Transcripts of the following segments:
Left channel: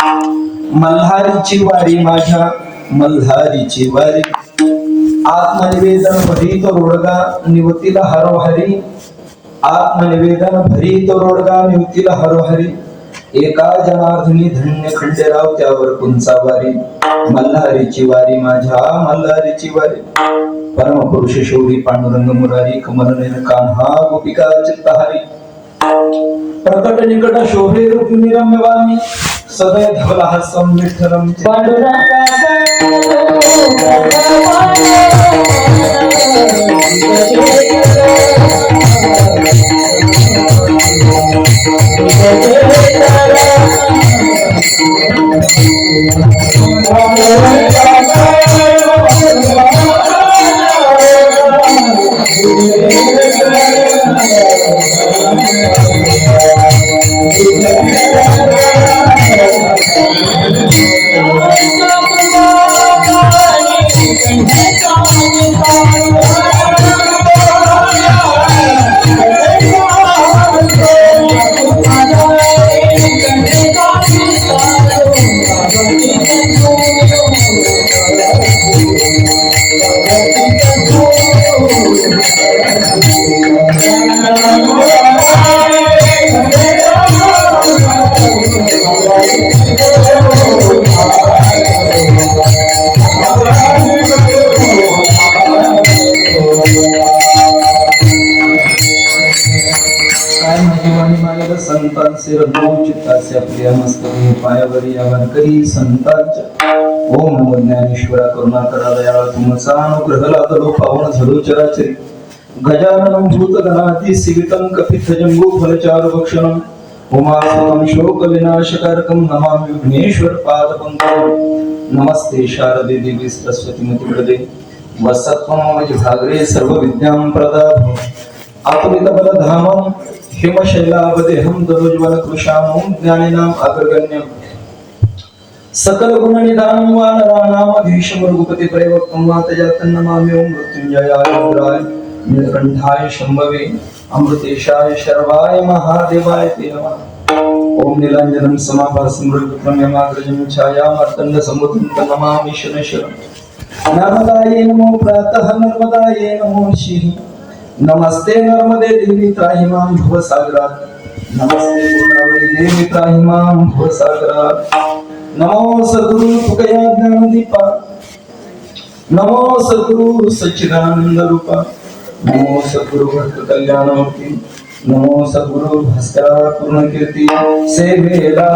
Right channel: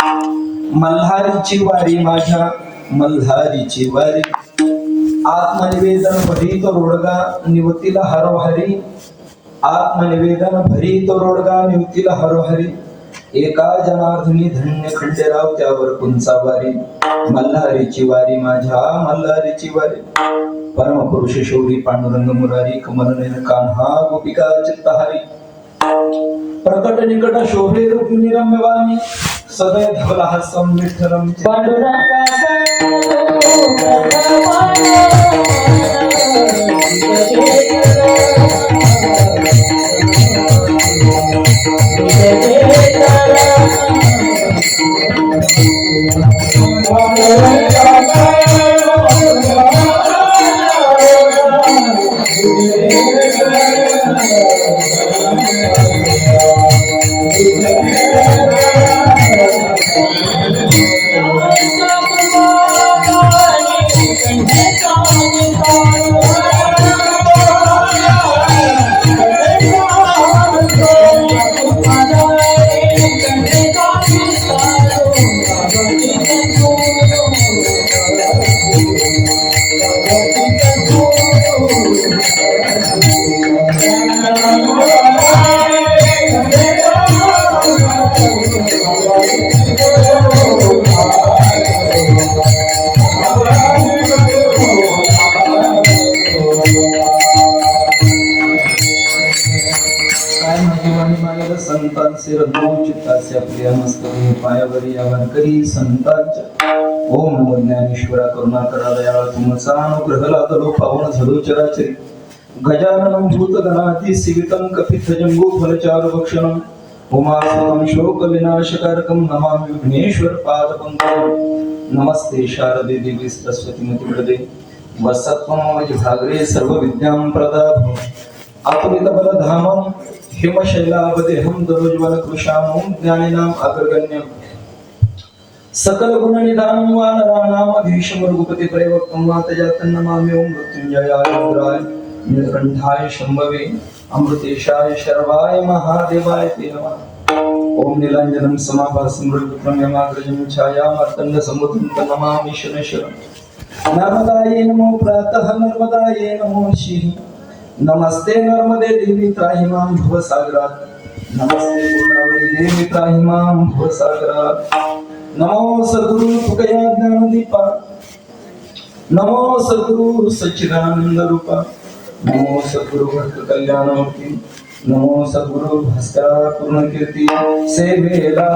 मल्हारीची वारी माझ्या मल्हारीची वारी आत्मनिवेदन भरीत रोडगा निवतीला हरोहरी आत्मनिवेदन भरीत रोडगा निवतीला हरोहरी एका जनार्दनी धन्य खंडेराव त्यावर कुंचा वारी मल्हारीची वारी माझ्या मल्हारीची वारी परमपुरुष शौरी पांडुरंग मुरारी कमलनयन कान्हा गोपिका चित्तहारी प्रकट निकट शोभे रुक्मिणी रम्यवाणी सदैव धवला हास्यं विठ्ठलं ओम नमो ज्ञानेश्वरा करुणा करा दयाळ तुमचा अनुग्रह लादलो पावन झलो चराचरी गजाननं भूतगणाति सेवितं कपित्थ जम्बो फलचार भक्षणं उमासुतं शोक विनाशकारकं नमामि विघ्नेश्वर पादपङ्कजं नमस्ते शारदे देवी सरस्वती मति प्रदे वसत्वं भागरे सर्व विद्यां प्रदाभं आतुलित बलधामं हिमशैलावदेहं दरोज्वल कृशामं ज्ञानिनाम् अग्रगण्यं सकल गुण निधानं वानराणाम् अधीशं रघुपति प्रवक्तं वातजातं नमामि ओं मृत्युंजयाय रुद्राय नीलकंठाय शंभवे अमृतेशाय शर्वाय महादेवाय ते नमः ओं नीलांजनं समाभासं मृगपुत्रं यमाग्रजं छायामार्तण्ड समुद्रं नमामि शनैश्वरं नर्मदायै नमो प्रातः नर्मदायै नमो शिः नमस्ते नर्मदे देवी त्राहि मां भवसागरात् नमस्ते गोदावरी देवी त्राहि मां भवसागरात् नमो सद्गुरु तुकया ज्ञानदीपा नमो सद्गुरु सच्चिदानंद रूपा नमो सद्गुरु भक्त कल्याणमूर्ती नमो सद्गुरु भास्करा पूर्ण कीर्ती सेवेला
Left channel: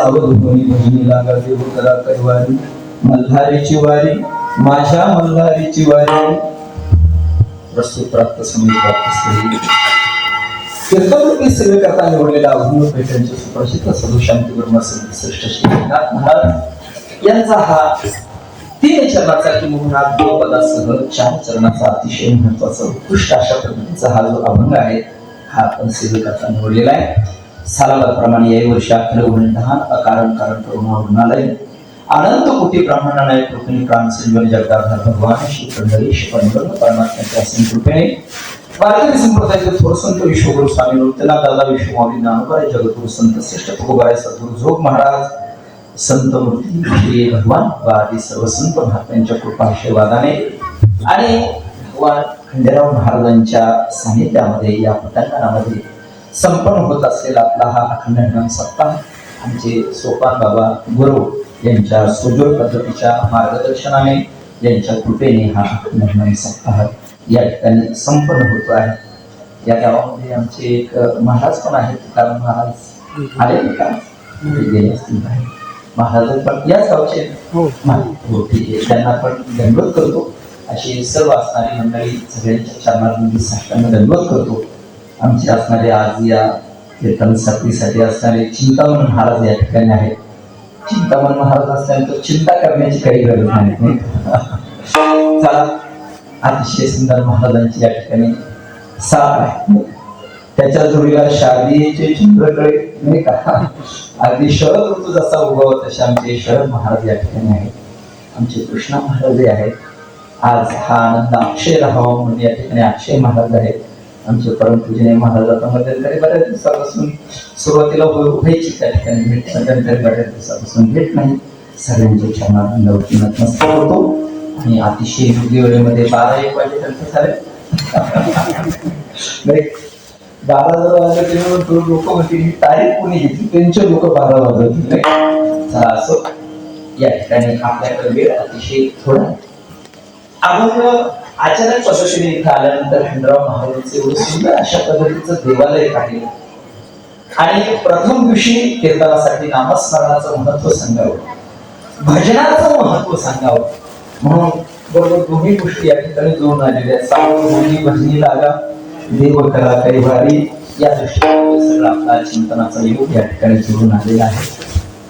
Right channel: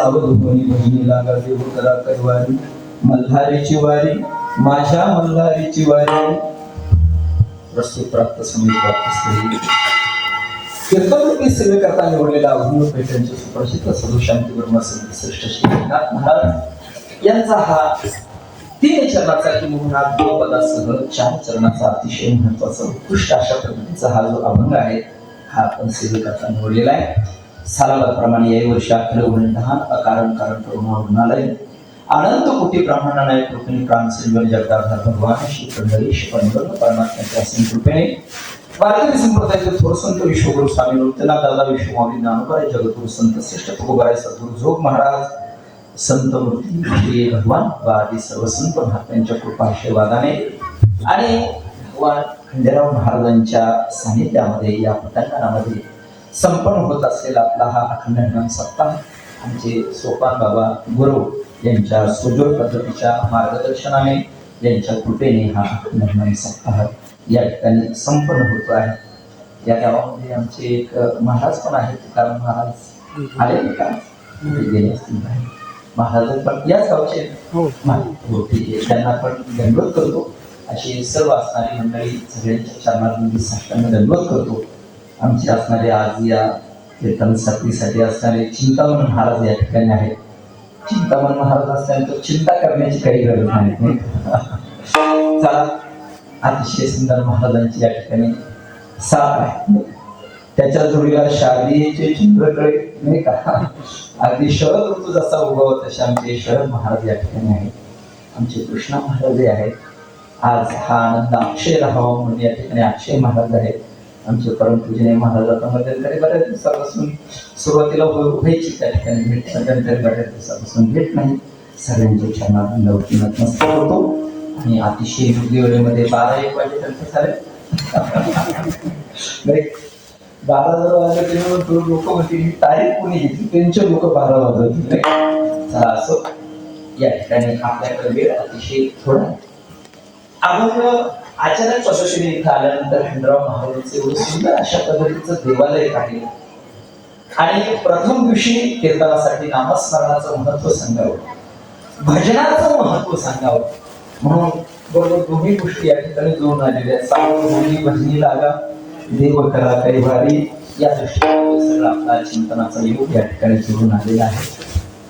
सावध होणी भजनी लागा देव करा कैवारी मल्हारीची वारी माझ्या मल्हारीची वारी वस्तू प्राप्त समय प्राप्त कीर्तनरूपी सेवेकरता निवडलेला अभिनव पेठांचे सुप्रसिद्ध साधू शांती ब्रह्मा संत श्रेष्ठ श्री एकनाथ महाराज यांचा हा 3 चरणाचा किंवा 2 पदासह 4 चरणाचा अतिशय महत्वाचा उत्कृष्ट अशा पद्धतीचा हा जो अभंग आहे हा आपण सेवेकरता निवडलेला आहे. सालाबादप्रमाणे याही वर्षी अखिल गुणधान अकारण कारण करुणा रुग्णालय अनंत कोटी ब्राह्मणांना कृपेने प्राण संजीवन जगदाधार भगवान श्री पंढरीश पंढर परमात्म्याच्या असीम कृपेने वारकरी संप्रदायाचे थोर संत विश्वगुरु स्वामी नृत्यनाथ दादा विश्वमाऊली ज्ञानोबा जगद्गुरु संत श्रेष्ठ तुकोबाराय सद्गुरु जोग महाराज संत मूर्ती श्री भगवान आदी सर्व संत महात्म्यांच्या कृपा आशीर्वादाने आणि भगवान खंडेराव महाराजांच्या सानिध्यामध्ये या पटांगणामध्ये संपन्न होत असलेला आपला हा अखंड हरिनाम सप्ताह आमचे सोपान बाबा गुरु यांच्या सुजोड पद्धतीच्या मार्गदर्शनाने यांच्या कृपेने हा अखंड हरिनाम सप्ताह या ठिकाणी संपन्न होतो आहे. या गावामध्ये आमचे एक महाराज पण आहेत तुकाराम महाराज आले का गेले असतील महाराज पण याच गावचे ठीक आहे त्यांना पण दंडवत करतो. अशी सर्व असणारी मंडळी सगळ्यांच्या चरणांमध्ये साष्टांग दंडवत करतो. आमचे असणारे आज या कीर्तन साथीसाठी असणारे चिंतामण महाराज या ठिकाणी आहेत. चिंतामण महाराज असल्यानंतर चिंता करण्याची काही गरज नाही. चला अतिशय सुंदर महाराजांची या ठिकाणी साथ आहे. त्याच्या जोडीला शारदीचे चंद्रकळे नाही का अगदी शरद ऋतू जसा उगवत तसे आमचे शरद महाराज या ठिकाणी आहेत. आमचे कृष्णा महाराज आहेत. आज हा आनंद अक्षय राहावा म्हणून या ठिकाणी अक्षय महाराज आहेत. आमचे परमपूजनीय महाराज आता मध्यंतरी बऱ्याच दिवसापासून सुरुवातीला व्हायची त्या ठिकाणी भेट मध्यंतरी बऱ्याच दिवसापासून भेट नाही. सगळ्यांच्या चरणात नमस्कार होतो आणि अतिशय योग्य वेळेमध्ये 12-1 वाजेपर्यंत झाले 12 वाजता लोक होती तारीख कोणी घेतली त्यांचे लोक 12 वाजत चला असं या ठिकाणी आपल्याकडे वेळ अतिशय थोडा अभंग अचानक पद्धतीने इथं आल्यानंतर खंडराव महाराजांचे एवढं सुंदर अशा पद्धतीचं देवालय आहे आणि प्रथम दिवशी कीर्तनासाठी नामस्मरणाचं महत्व सांगावं भजनाचं महत्व सांगावं म्हणून बरोबर दोन्ही गोष्टी या ठिकाणी जोडून आलेल्या आहेत. सावधी भजनी लागा देव करा कैवारी या दृष्टीने सगळं आपला चिंतनाचा योग या ठिकाणी जोडून आलेला आहे.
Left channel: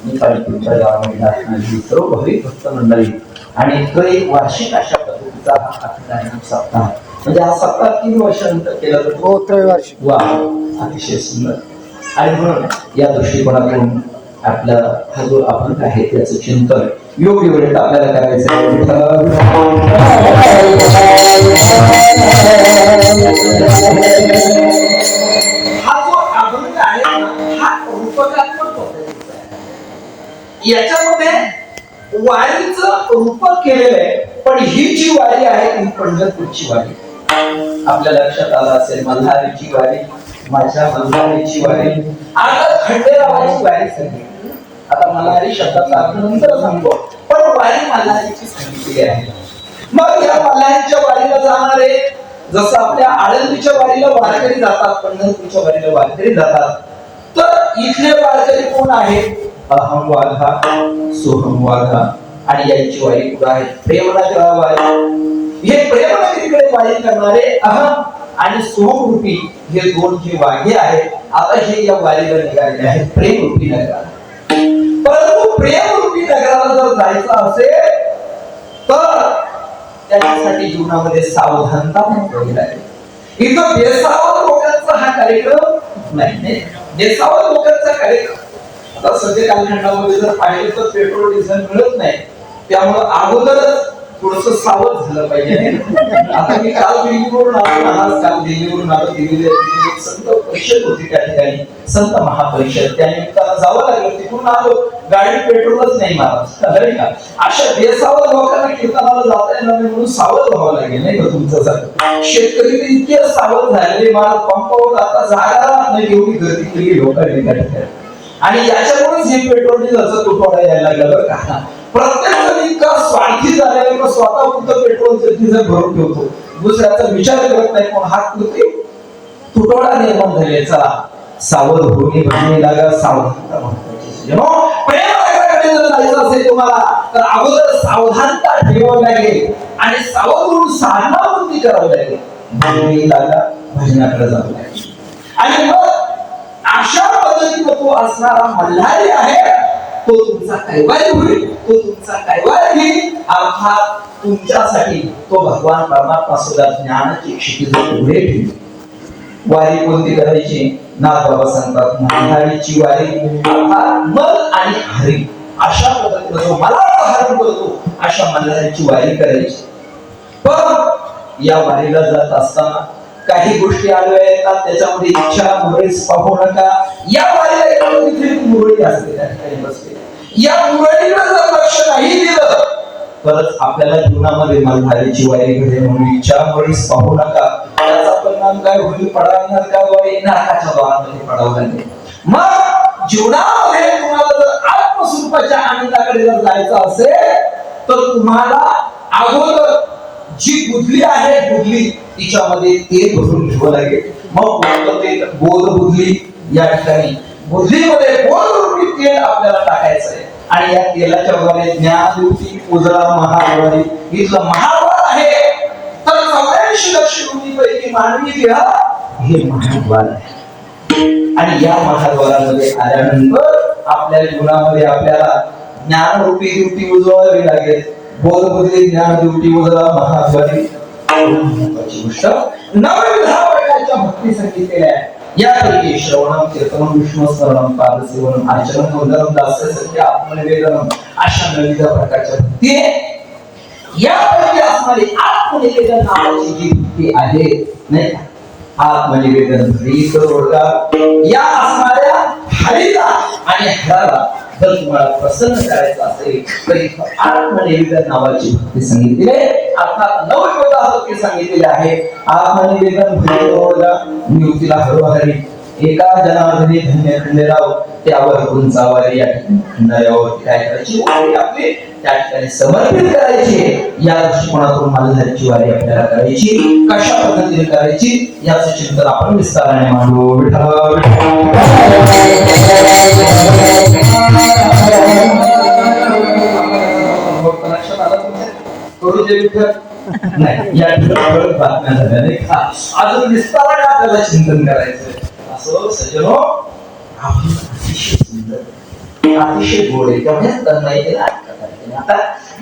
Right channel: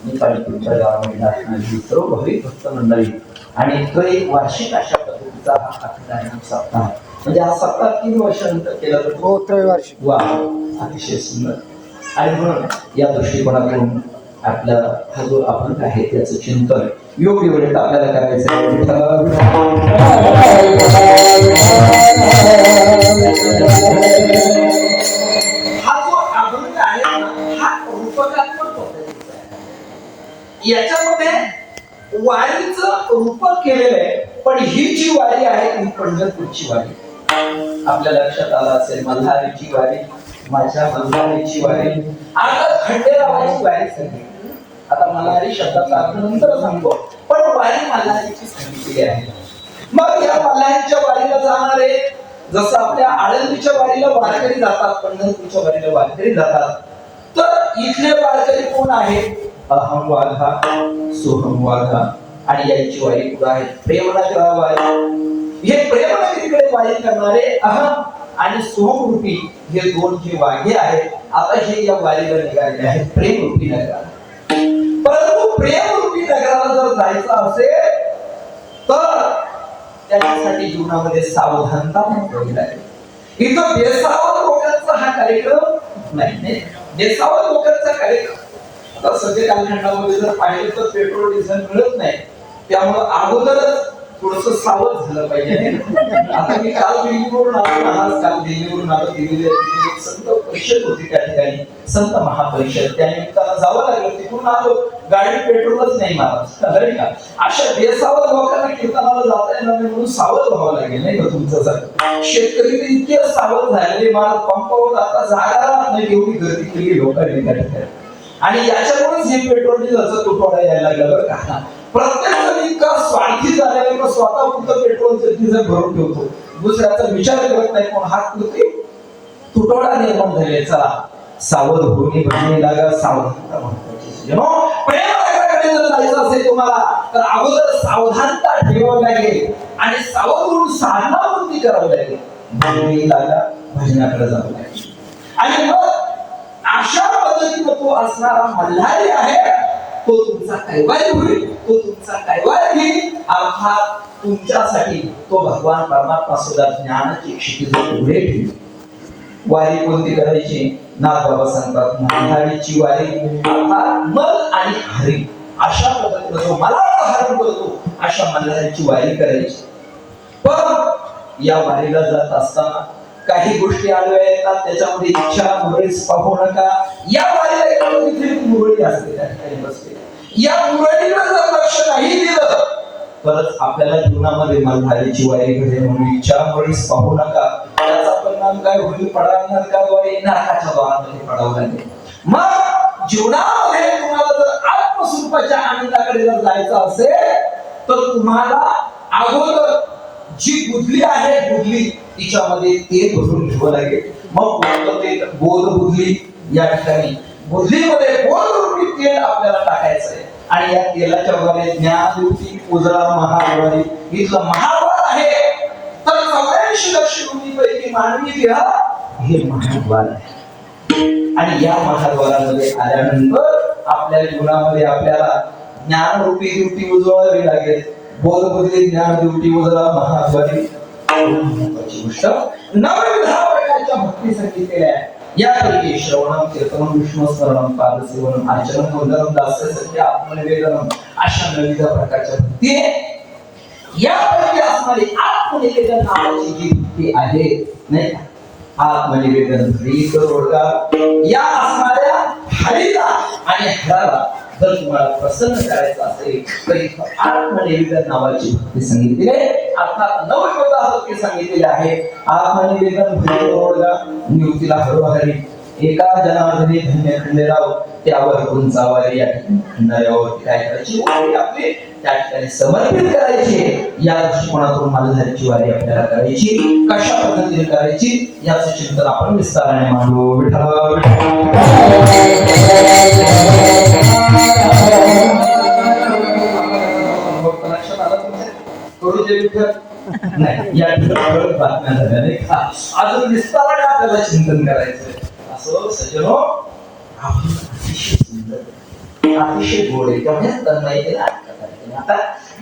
नेपाळपूरच्या गावामध्ये असणारी सर्व भाविक भक्त मंडळी आणि तो एक वार्षिक अशा पद्धतीचा हा अखंड सप्ताह म्हणजे हा सप्ताह 3 वर्षानंतर केला जातो. वा अतिशय सुंदर आणि म्हणून या दृष्टिकोनातून आपला हा जो अभंग आहे त्याचं चिंतन योग्य वेळेत आपल्याला करायचं आहे. हा जो अभंग आहे हा रूपकात्मक पद्धतीचा आहे. याच्यामध्ये वारीचं रूपक केलेलं आहे पण ही जी वारी आहे ती पंढरपूरची वारी आपल्या लक्षात आलं असेल. मल्हारीची वारी माझ्या मल्हारीची वारी आता खंडेरावाची वारी सांगितली. आता मल्हारी शब्दाचा अर्थ नंतर सांगतो पण वारी मल्हारीची सांगितलेली आहे. मग या मल्हारीच्या वारीला जाणारे जसं आपल्या आळंदीच्या वारीला वारकरी जातात पंढरपूरच्या वारीला वारकरी जातात तर इथले वारकरी कोण आहेत अहम वाघा सोहम वाघा आणि यांची वारी कुठं आहे प्रेमनगरा वारी. हे प्रेमनगरीकडे वारी करणारे अहम आणि सोहम रूपी हे 2 जे वाघे आहेत आता हे या वारीला निघालेले आहेत प्रेम रूपी नगराला. परंतु प्रेम रूपी नगराला जर जायचं असेल तर त्याच्यासाठी जीवनामध्ये सावधानता महत्त्वाची आहे. इथं बेसावध लोकांचा हा कार्यक्रम नाही. बेसावध लोकांचा कार्यक्रम आता सध्या कालखंडामध्ये जर पाहिलं तर पेट्रोल डिझेल मिळत नाही त्यामुळे अगोदरच थोडंसं सावध झालं पाहिजे. आता मी काल दिल्लीवरून आलो आज काल दिल्लीवरून आलो. दिल्लीला संत परिषद होती त्या ठिकाणी संत महापरिषद त्यानिमित्तानं जावं लागलं. तिकडून आलो गाडी पेट्रोलच नाही महाराज का अशा बेसावध लोकांना कीर्तनाला जाता येणार नाही म्हणून सावध व्हावं लागेल नाही का तुमच्यासारखं. शेतकरी इतके सावध झालेले महाराज पंपावर आता जागा नाही एवढी गर्दी केली लोकांनी त्या ठिकाणी आणि याच्यामुळेच हे पेट्रोल डिझेलचा तुटवडा यायला लागला बरं का. प्रत्येक जण इतका स्वार्थी झालेला स्वतः पुरतं पेट्रोल डिझेल भरून ठेवतो दुसऱ्याचा विचार करत नाही कोण हात कृती तुटवडा निर्माण झाले. चला सावध होणे भजनी लागा सावधानता महत्वाची. जायचं असेल तुम्हाला तर अगोदर सावधानता ठेवावी लागेल आणि सावध साधना वृत्ती करावी लागेल. भजनाकडे जावं लागेल आणि मग अशा पद्धतीने तो असणारा मल्हारी आहे तो तुमचा कैवारी होईल, तो तुमचा कैवारी घेईल. अर्थात तुमच्यासाठी तो भगवान परमात्मा सुद्धा ज्ञानाची क्षितिज पुढे ठेवेल. वारी कोणती करायची? नागबाबा सांगतात मल्हारीची वारी अर्थात मल आणि हरी अशा पद्धतीने जो मला हरण करतो अशा मल्हारीची वारी करायची. पण या वारीला जात असताना काही गोष्टी आल्या येतात त्याच्यामध्ये इच्छा मुरळीस पाहू नका. या वारीला मुरळी असते काही बसते या मुरळीला जर लक्ष नाही दिलं तरच आपल्याला जीवनामध्ये मल्हारीची वारी घडेल म्हणून इच्छा मुरळीस पाहू नका. त्याचा परिणाम काय होईल? पडावा नरकाद्वारे नरकाच्या द्वारामध्ये पडावं लागेल. मग जीवनामध्ये तुम्हाला जर आत्मस्वरूपाच्या आनंदाकडे जर जायचं असेल तर तुम्हाला अगोदर जी बुद्धली आहे बुद्धली तिच्यामध्ये तेल भरून घ्यावं लागेल. मग ते बोध बुद्धली या ठिकाणी बुद्धीमध्ये बोध तेल आपल्याला टाकायचं आहे आणि या तेलाच्या वगैरे ज्ञानरूपी उजळा महाद्वारी इथलं महाद्वार आहे. तर 84 लक्ष पैकी मानवी देह हे महाद्वार आहे आणि या महाद्वारामध्ये आल्यानंतर आपल्या जीवनामध्ये आपल्याला ज्ञानरूपी दिवटी उजळावी लागेल. बोधबुद्धी ज्ञान दिवटी उजळा महाद्वारी महत्वाची गोष्ट. नवविधा प्रकारच्या भक्ती सांगितलेल्या आहे. यापैकी श्रवणम कीर्तनम विष्णुस्मरणम पादसेवनम अर्चनम वंदनम दास्यसत्य आत्मनिवेदनम अशा नवविध प्रकारच्या भक्ती यापैकी असणारी आत्मनिवेदन नावाची जी भक्ती आहे नाही का? आत्मनिवेदन हरी तोडगा या असणाऱ्या हरीला आणि हराला जर तुम्हाला प्रसन्न करायचं असेल तर आत्मनिवेदन नावाची भक्ती सांगितली आहे. अर्थात नवविधा भक्ती सांगितलेली आहे. आत्मनिवेदन निवृत्तीला हरोहरी एका जनार्दनी धन्य खंडेराव त्यावर गुंचा वारी या खंडायावरती काय करायची? आपली त्या ठिकाणी समर्पित करायची. या दृष्टिकोनातून मल्हारीची वारी आपल्याला करायची. कशा पद्धतीने करायची याचं चिंतन आपण विस्ताराने मांडू. नाही या बातम्या झाल्या नाही का? अजून विस्ताराने आपल्याला चिंतन करायचं. असं सज्जनो आपण अतिशय सुंदर अतिशय गोड आहे तेवढ्याच नाही आता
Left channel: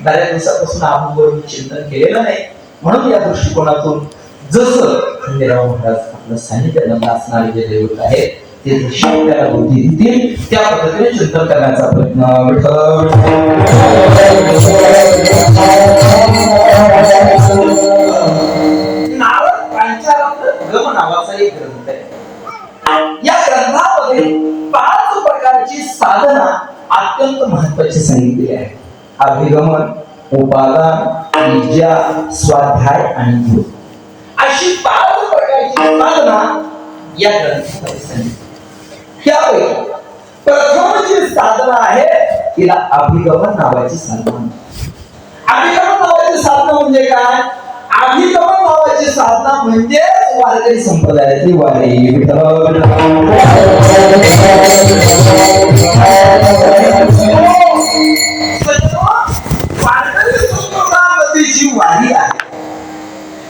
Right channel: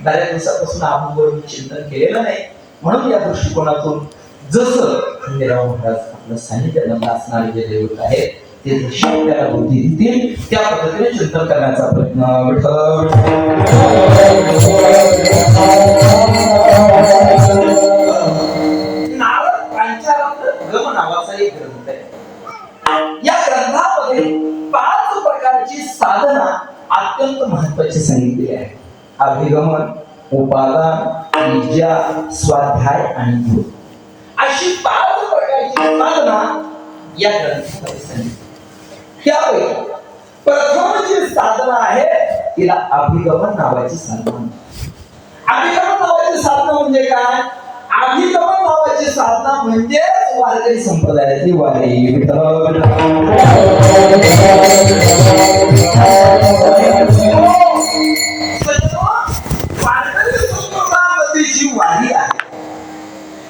बऱ्याच दिवसापासून आपण बरोबर चिंतन केलेलं नाही म्हणून या दृष्टिकोनातून जसं खंडेराव महाराज आपलं सानिध्यामध्ये असणारे जे दैवत आहे ते आपल्याला बुद्धी देतील त्या पद्धतीने चिंतन करण्याचा प्रयत्न नारद पंचामृत नावाचा एक ग्रंथ आहे. या ग्रंथामध्ये 5 प्रकारची साधना अत्यंत महत्वाची सांगितलेली आहे. अभिगमन, उपादान, विद्या, स्वाध्याय आणि योग अशी 5 प्रकारची साधना या ग्रंथामध्ये सांगितली. त्यापैकी प्रथम जी साधना आहे तिला अभिगमन नावाची साधना. अभिगमन नावाची साधना म्हणजे काय? अभिगमन नावाची साधना म्हणजे वारकरी संप्रदायाची वारी. वारकरी संप्रदायाची जी वारी आहे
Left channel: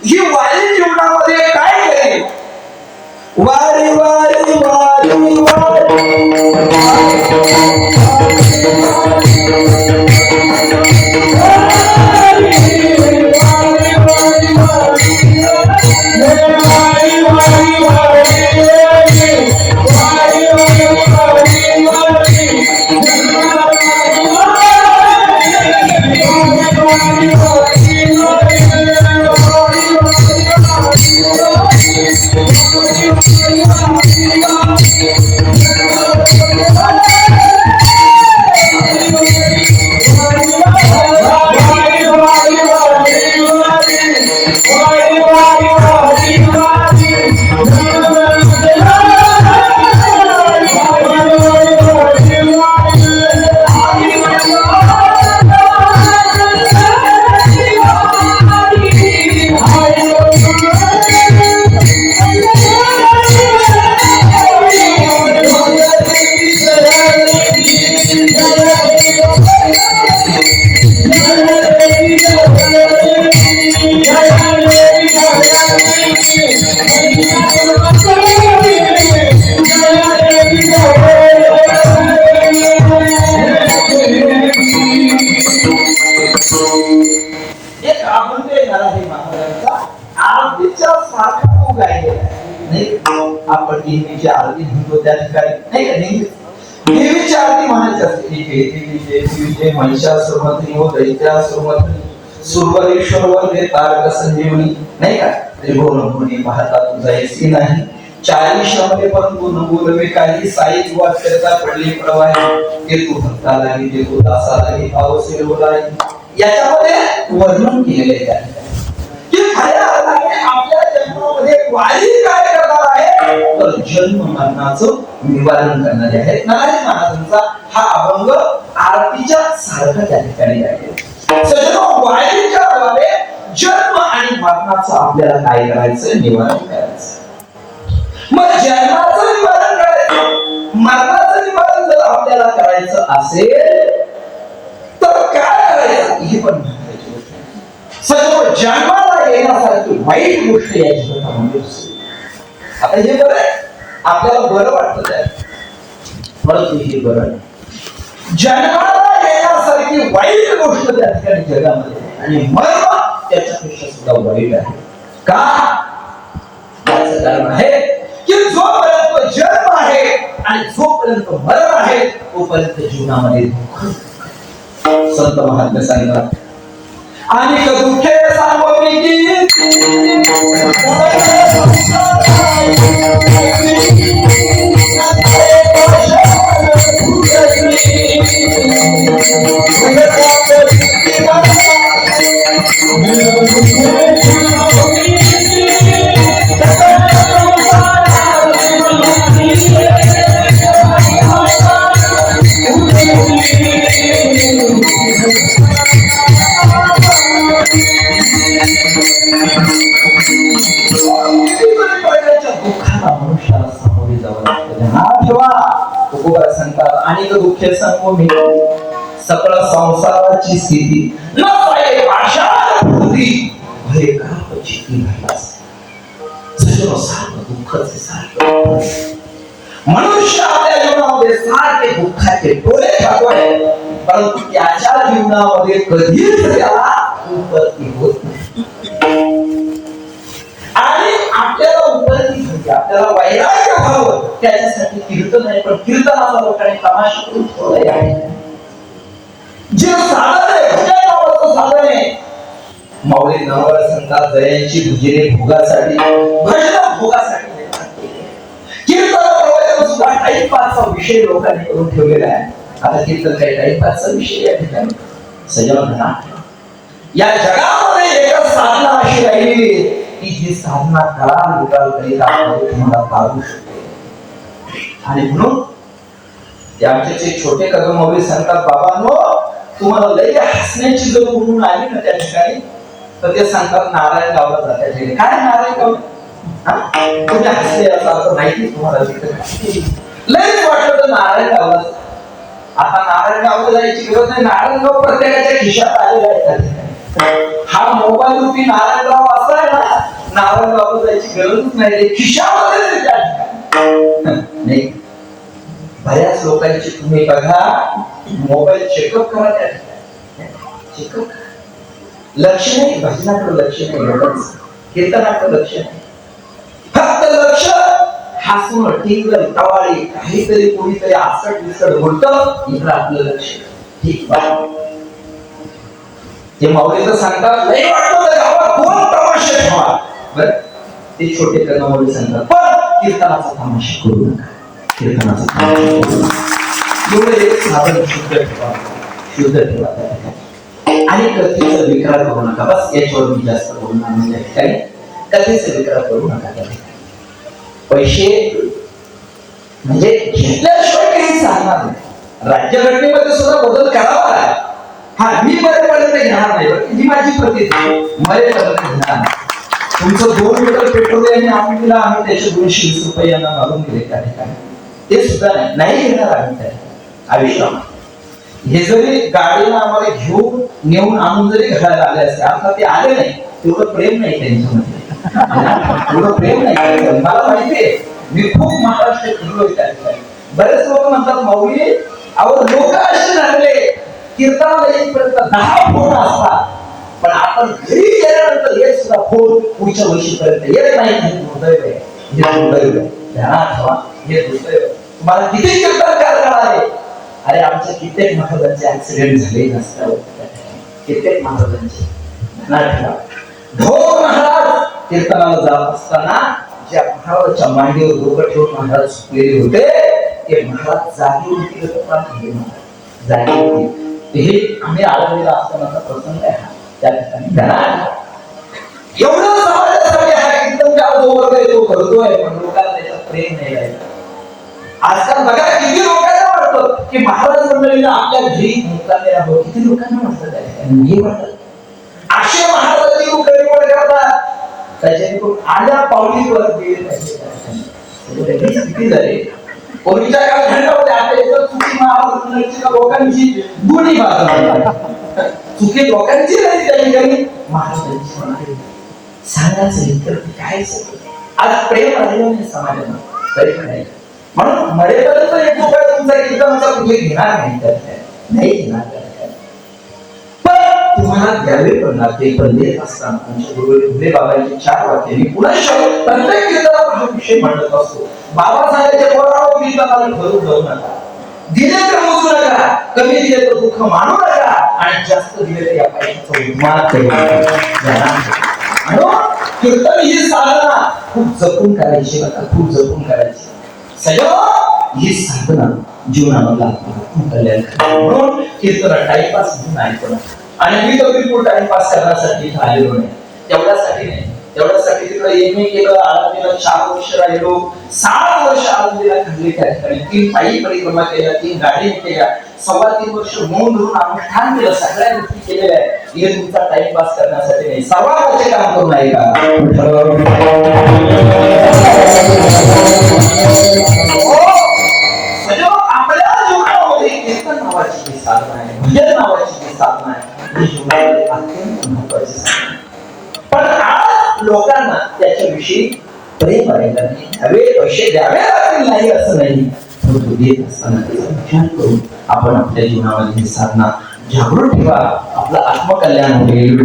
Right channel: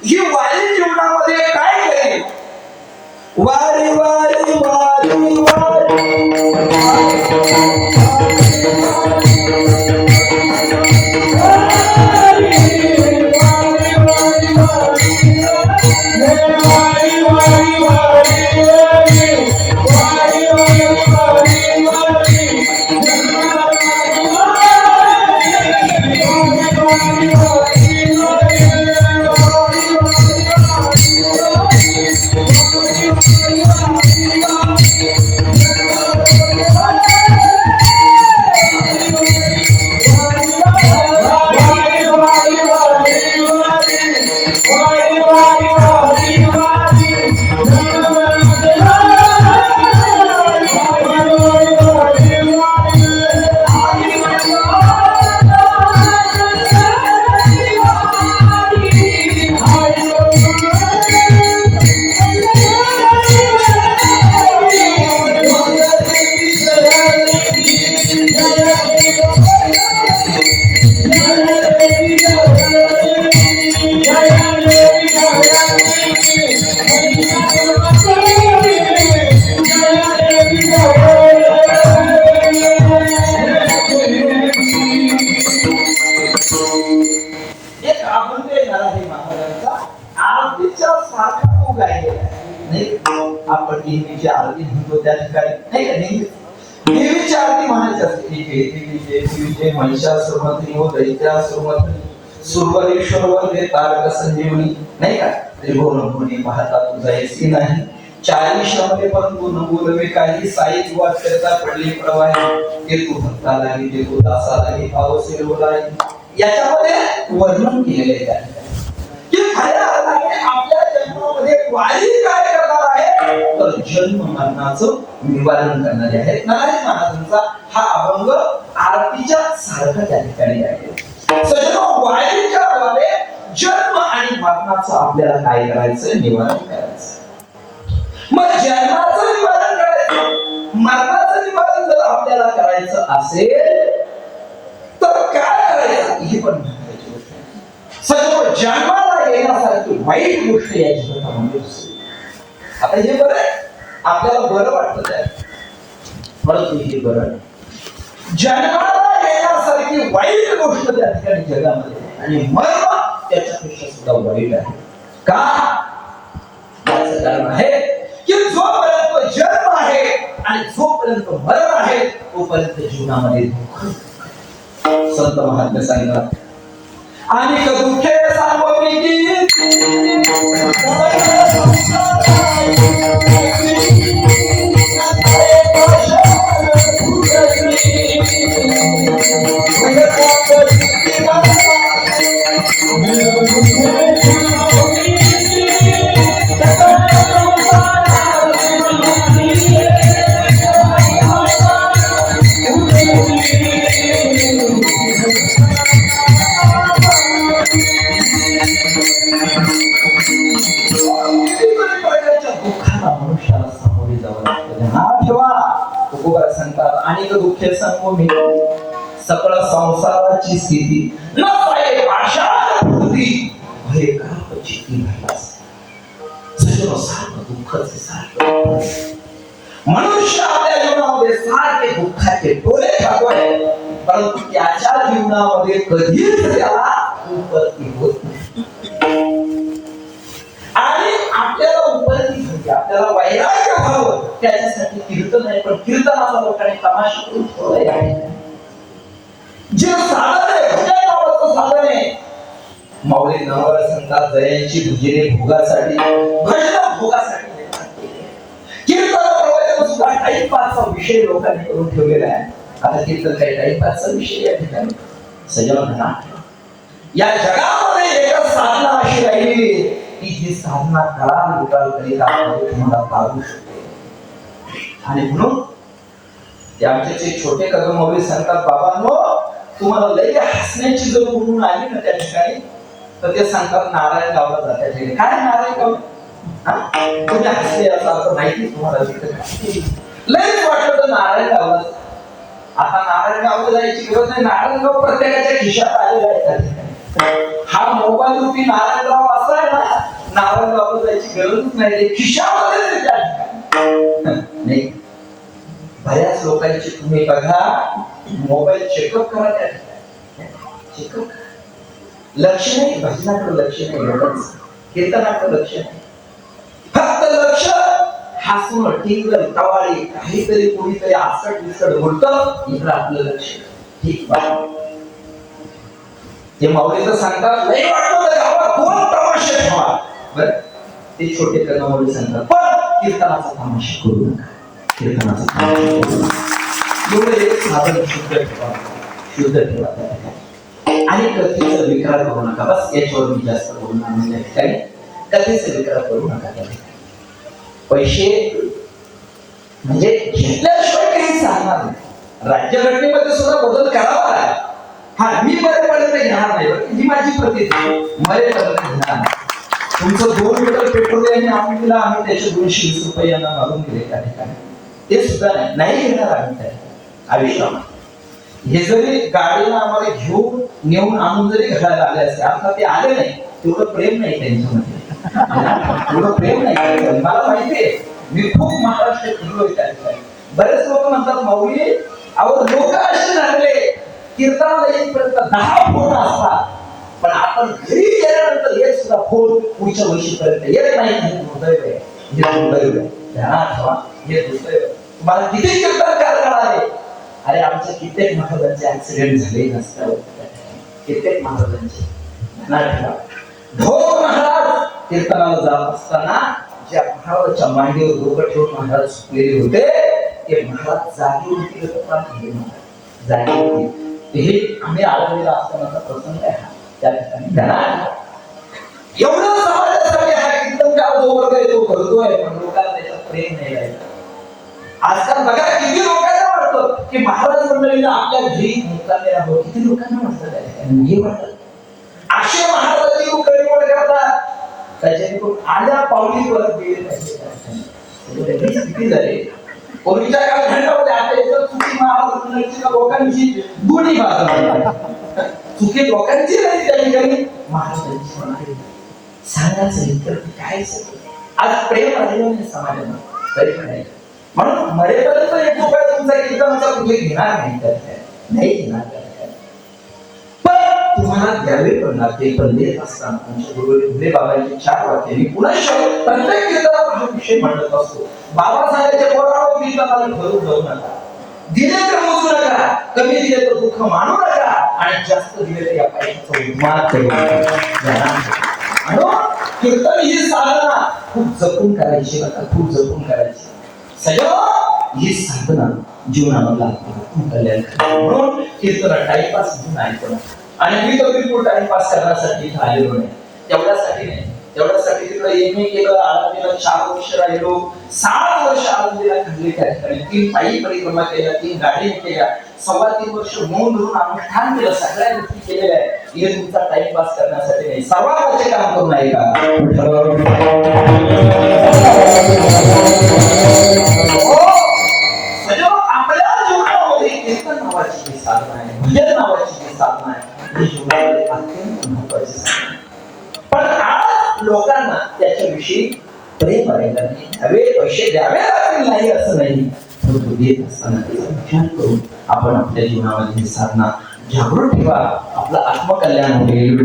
ही वारी जीवनामध्ये काय करेल? वारी वारी वारी जय महिषासुरमर्दिनी व दैत्यासुरमर्दिनी सुरवरेश्वर वंदे तारक संजीवनी. नाही का? त्रिभुवन कोणी पाहता तुझा येसी नाही. 40 मध्ये परंतु न बोलवे काही. साई वाट करता पडली प्रवाही. ते तू भक्ताला ते तू दासाला पावसे बोलाय. याच्यामध्ये वर्णन केलेले आहे की खऱ्या अर्थाने आपल्या जन्मामध्ये वारी काय करणार आहे, तर जन्म मरणाचं निवारण करणारे आहेत. नारायण महाराजांचा हा अभंग आरतीच्या सारखा त्या ठिकाणी आहे. सज्जनो, वारीच्या द्वारे जन्म आणि मरणाचं आपल्याला काय करायचं, निवारण करायचं. मग जन्माचं निवारण करायचं, मरणाचं निवारण जर आपल्याला करायचं असेल तर काय करायचं, हे पण महत्वाची गोष्ट आहे. सगळं जन्माला येण्यासारखी वाईट गोष्ट या जगामध्ये आता हे बरं आहे, आपल्याला बरं वाटतं त्या, परंतु हे बरं जन्माला येण्यासारखी वाईट गोष्ट त्या ठिकाणी जगामध्ये, आणि मरण त्याच्यापेक्षा सुद्धा वाईट आहे. का? याचं कारण आहे की जोपर्यंत जन्म आहे आणि जोपर्यंत मरण आहे तोपर्यंत जीवनामध्ये दुःख. संत महात्मे सांगितलं, आणि दुःखे सामोरी दुःखे संगोमी सकळ संसाराची स्थिती न पाये भाषा होती भय कापची सर्व सारं दुःखच सारखं. मनुष्य आपल्या जीवनामध्ये सारखे दुःखाचे डोळे खातोय, परंतु त्याच्या जीवनामध्ये कधीच त्याला उपलब्धी होत नाही. आणि आपल्याला उपलब्धी म्हणजे आपल्याला वैराग्य व्हावं त्याच्यासाठी कीर्तन आहे, पण कीर्तनाचा लोकांनी तमाशा करून ठेवला आहे. जे साधन आहे भजन नावाचं साधन आहे, माऊली नावाला सांगतात जयांची भुजिरे भोगासाठी, भजन भोगासाठी कीर्तन सुद्धा टाइमपासचा विषय लोकांनी करून ठेवलेला आहे. आता कीर्तन काही टाइमपासचा विषय या ठिकाणी सजवन म्हणा. या जगामध्ये एकच साधना अशी राहिली की जी साधना काळ निकाल करीत तुम्हाला पाहू शकते. आणि म्हणून ते आमचे छोटे कदम माऊली सांगतात, बाबांनो तुम्हाला लई हसण्याची जर म्हणून आली ना त्या ठिकाणी, तर ते सांगतात नारायण गावला जातात. काय नारायण गाव तुझ्या हसले याचा अर्थ माहिती तुम्हाला लईच वाटलं तर नारायण गावला. आता नारायण गावला जायची गरज नाही, नारायण गाव प्रत्येकाच्या खिशात आलेला आहे. हा मोबाईल रूपी नारायण गाव असा आहे ना, नारायण गावला जायची गरजच नाही, खिशामध्ये नाही. बऱ्याच लोकांची तुम्ही बघा मोबाईल चेकअप करा, त्या चेकअप लक्ष नाही, भजनाकडे लक्ष नाही, लोकांचं कीर्तनाकडे लक्ष नाही, फक्त लक्ष हसणं टिंगल टवाळी काहीतरी कोणीतरी आसट विसट बोलतं, इकडं आपलं लक्ष. ठीक ते माऊलीचं सांगतात नाही वाटतं गावात दोन तमाशे ठेवा, बरं ते छोटे करणं माऊली सांगतात, पण कीर्तनाचा तमाशा करू नका, कीर्तनाचा तमाशा करू नका. एवढं एक साधन शुद्ध ठेवा, शुद्ध ठेवा आणि कथेचा विकार करू नका. बस याच्यावर मी जास्त बोलणार नाही. काही कथेचा विकार करू नका. पैसे म्हणजे घेतल्याशिवाय काही चालणार नाही. राज्यघटनेमध्ये सुद्धा बदल करावा आहे. हा मी मरेपर्यंत घेणार नाही, ही माझी प्रतिज्ञा, मरेपर्यंत घेणार नाही. तुमचं 2 लिटर पेट्रोल आम्ही दिला, आम्ही त्याचे 220 रुपये यांना मारून दिले त्या ठिकाणी, ते सुद्धा नाही घेणार आम्ही त्या आयुष्यात. हे जरी गाडीला आम्हाला घेऊन नेऊन आणून जरी घराला आले असते, आता ते आले नाही, तेवढं प्रेम नाही त्यांच्यामध्ये, तेवढं प्रेम नाही. मला माहितीये, मी खूप महाराष्ट्र फिरलोय त्या ठिकाणी. बरेच लोक म्हणतात माऊली अहो लोक असे झाले कीर्तनाला येईपर्यंत 10 फोन असतात, पण आपण घरी गेल्यानंतर हे सुद्धा फोन पुढच्या वर्षीपर्यंत येत नाही. हे दुर्दैव आहे, हे दुर्दैव आहे. ध्यानात ठेवा, हे दुर्दैव. तुम्हाला किती कीर्तन करणार आहे, अरे आमच्या कित्येक महाराजांचे ऍक्सिडेंट झाले नसतात, कित्येक महाराजांचे ढोर महाराज कीर्तनाला जात असताना ज्या महाराजांच्या मांडीवर डोकं ठेवून महाराज सुटलेले होते ते महाराज जागी होती जागी होती. हे आम्ही आळंदीला असतानाचा प्रसंग आहे हा. त्या ठिकाणी एवढं समाजासाठी हा एकदम जोवर तो करतोय पण लोकांना त्याच्यात प्रेम नाही राहिलं. आजकाल बघा किती लोकांना वाटतं की महाराज मंडळीला आपल्या घरी मुक्कामी राहावं, किती लोकांना वाटतं त्या ठिकाणी हे वाटत असे महाराजांची लोक निवड करतात त्याच्याकडून आल्या पावलीवर गेले पाहिजे. किती झाले पूर्वीच्या काळात घडल्यामध्ये आपल्या इथं चुकी महाराज लोकांची दोन्ही बाजू चुकी लोकांची नाही त्या ठिकाणी महाराजांची सांगायचं काय आज प्रेम राहिलं नाही समाजात तरी पण नाही. म्हणून मरेपर्यंत एक रुपया तुमचा कीर्तनाचा कुठे घेणार नाही घेणार. पण तुम्हाला द्यावे पण लागते. पण देत असताना आमच्या गुरु फुले बाबांची 4 वाक्य मी पुन्हा प्रत्येक कीर्तनात हा विषय मांडत असतो. बाबा सांगायचे कोणावर कीर्तनाला भरून जाऊ नका, दिले तर मोजू नका, कमी दिले तर दुःख मानू नका आणि जास्त दिले तर या पैशाचा उन्माद करू नका. कीर्तन ही साधना खूप जपून करायची बघा, खूप जपून करायची. सगळं ही साधना जीवनामधला कल्याण म्हणून कीर्तन टाइमपास म्हणून ऐकणं. आणि मी तर बिलकुल टाइमपास करण्यासाठी इथं आलेलो नाही, तेवढ्यासाठी नाही. तेवढ्यासाठी तिकडे एम ए केलं, आळंदीला 4 वर्ष राहिलो, 7 वर्ष आळंदीला खाल्ले. त्या ठिकाणी 3 पायी परिक्रमा केल्या, 3 गाडी केल्या, 3.25 वर्ष मौन धरून अनुष्ठान केलं, सगळ्या गोष्टी केलेल्या आहेत. हे तुमचा टाइमपास करण्यासाठी नाही, 6 वर्ष काम करून आहे का आपल्या जीवनामध्ये कीर्तन नावाची जी साधना आहे, भजन नावाची जी साधना आहे, ही जीवनामध्ये अत्यंत महत्वाची साधना आहे. पण आज लोकांना त्याच्याविषयी प्रेम राहिलं नाही. द्यावे पैसे द्यावे लागतील नाही असं नाही, परंतु देत असताना त्याचा विचार करून आपण आपल्या जीवनामध्ये ही साधना जागृत ठेवा. आपलं आत्मकल्याण होईल.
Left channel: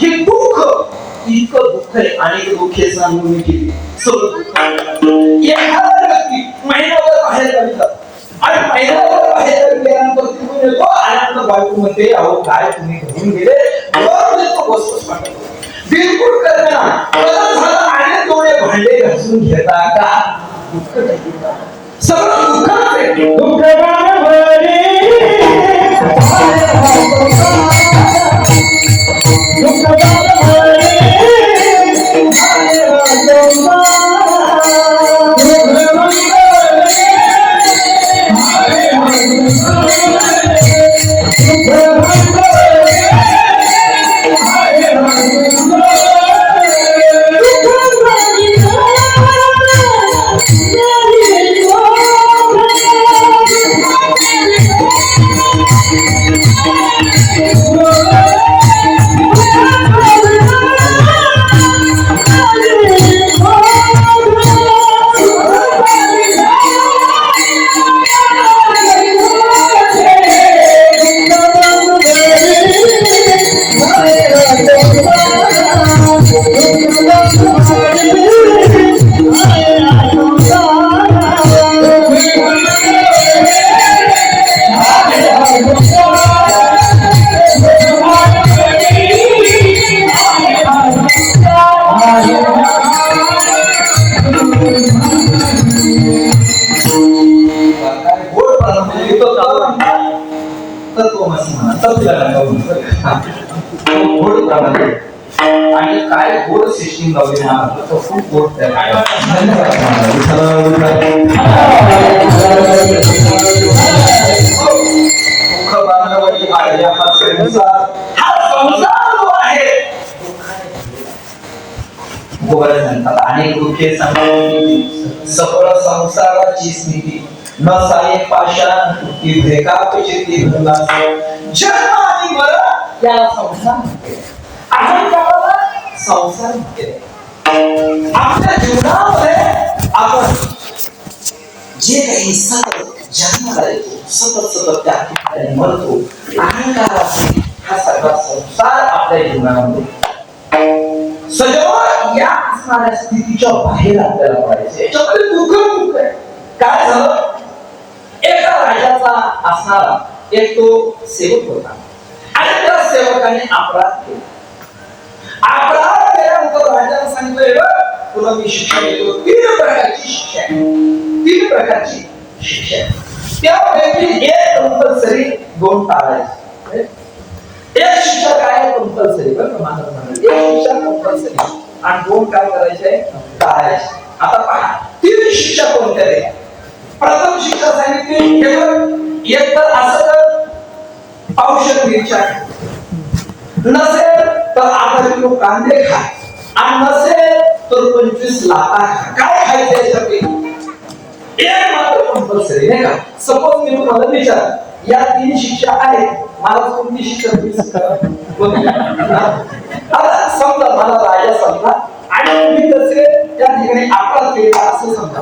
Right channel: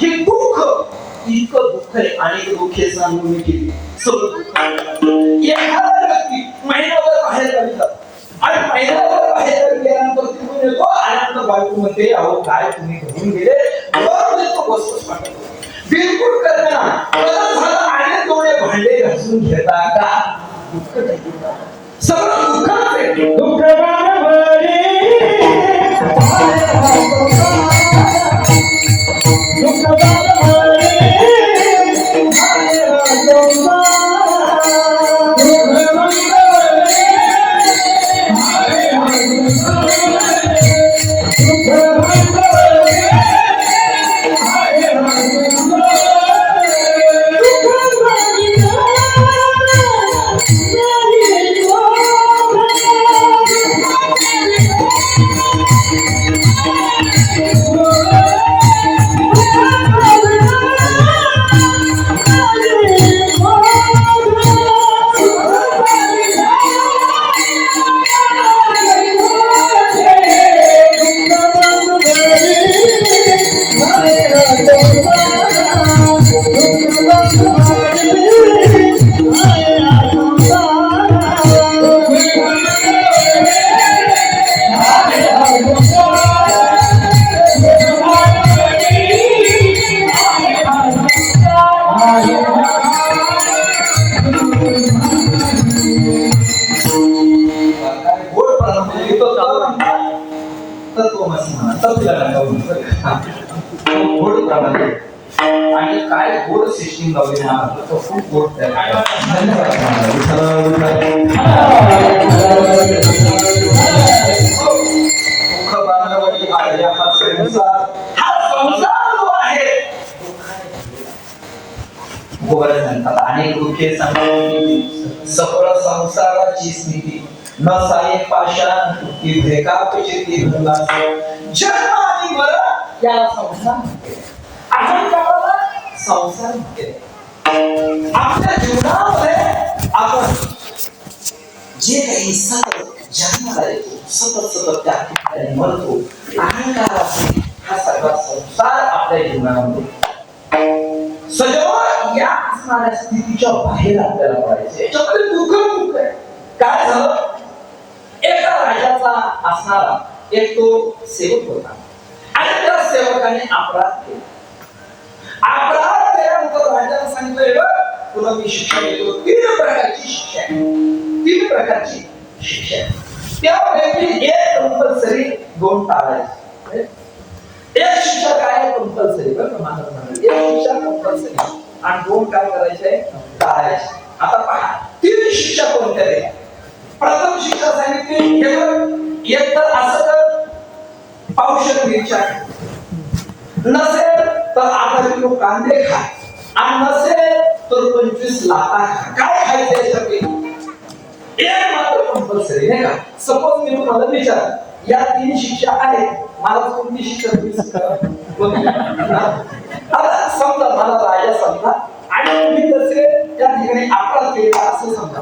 हे दुःख इतकं दुःख आहे आणि दुःखे सांगून मी केली सगळं एखादा व्यक्ती महिन्यावर बाहेर काढतात आणि महिन्यावर बाहेर काढल्यानंतर तिकडून येतो आनंद बायकोमध्ये अहो काय तुम्ही घेऊन गेले बिलकुल करता आणि थोडे भांडे घासून घेता का सगळं दुःख आणि काय गोड सिस्टीम लावली महाराष्ट्रात खूप गोड अनेक दुःखे सकळ संसाराची स्थिती न साये पाषाण की भेकापचे ती जन्म आणि मरण या संसार संसार आपल्या जीवनामध्ये आपण जे काही सतत जन्माला येतो सतत त्या ठिकाणी मरतो अहंकार हा सगळा संसार आपल्या जीवनामध्ये सगळं या असणाऱ्या स्थितीच्या बाहेर आपल्याला पडायचं. याच्यामध्ये दुःख आहे. काय झालं? एका राजाचा असणारा एक तो सेवक होता आणि त्या सेवकाने अपराध केला. अपराध केल्यानंतर राजाला सांगितलं, तुला मी शिक्षा देतो. 3 प्रकारची शिक्षा आहे. 3 प्रकारची शिक्षा आहे. त्यापैकी एक कंपल्सरी, 2 टाळायची. एक शिक्षा काय कंपल्सरी, बरं का? एक शिक्षा कंपल्सरी आणि 2 काय करायचे, टाळायचे. आता पहा 3 शिक्षा कोणत्या द्या. प्रथम शिक्षा सांगितली, केवळ एक तर असं कर, औषध मिरच्या नसेल तर 8 किलो कांदे खा आणि नसेल तर 25 लाटा खा. काय खायचं याच्यापैकी एक मात्र कंपल्सरी, नाही का? सपोज मी तुम्हाला विचार, या 3 शिक्षा आहेत, मला कोणती शिक्षा तुम्ही आता समजा मला राजा समजा आणि मी तसे त्या ठिकाणी अपराध केला असं समजा.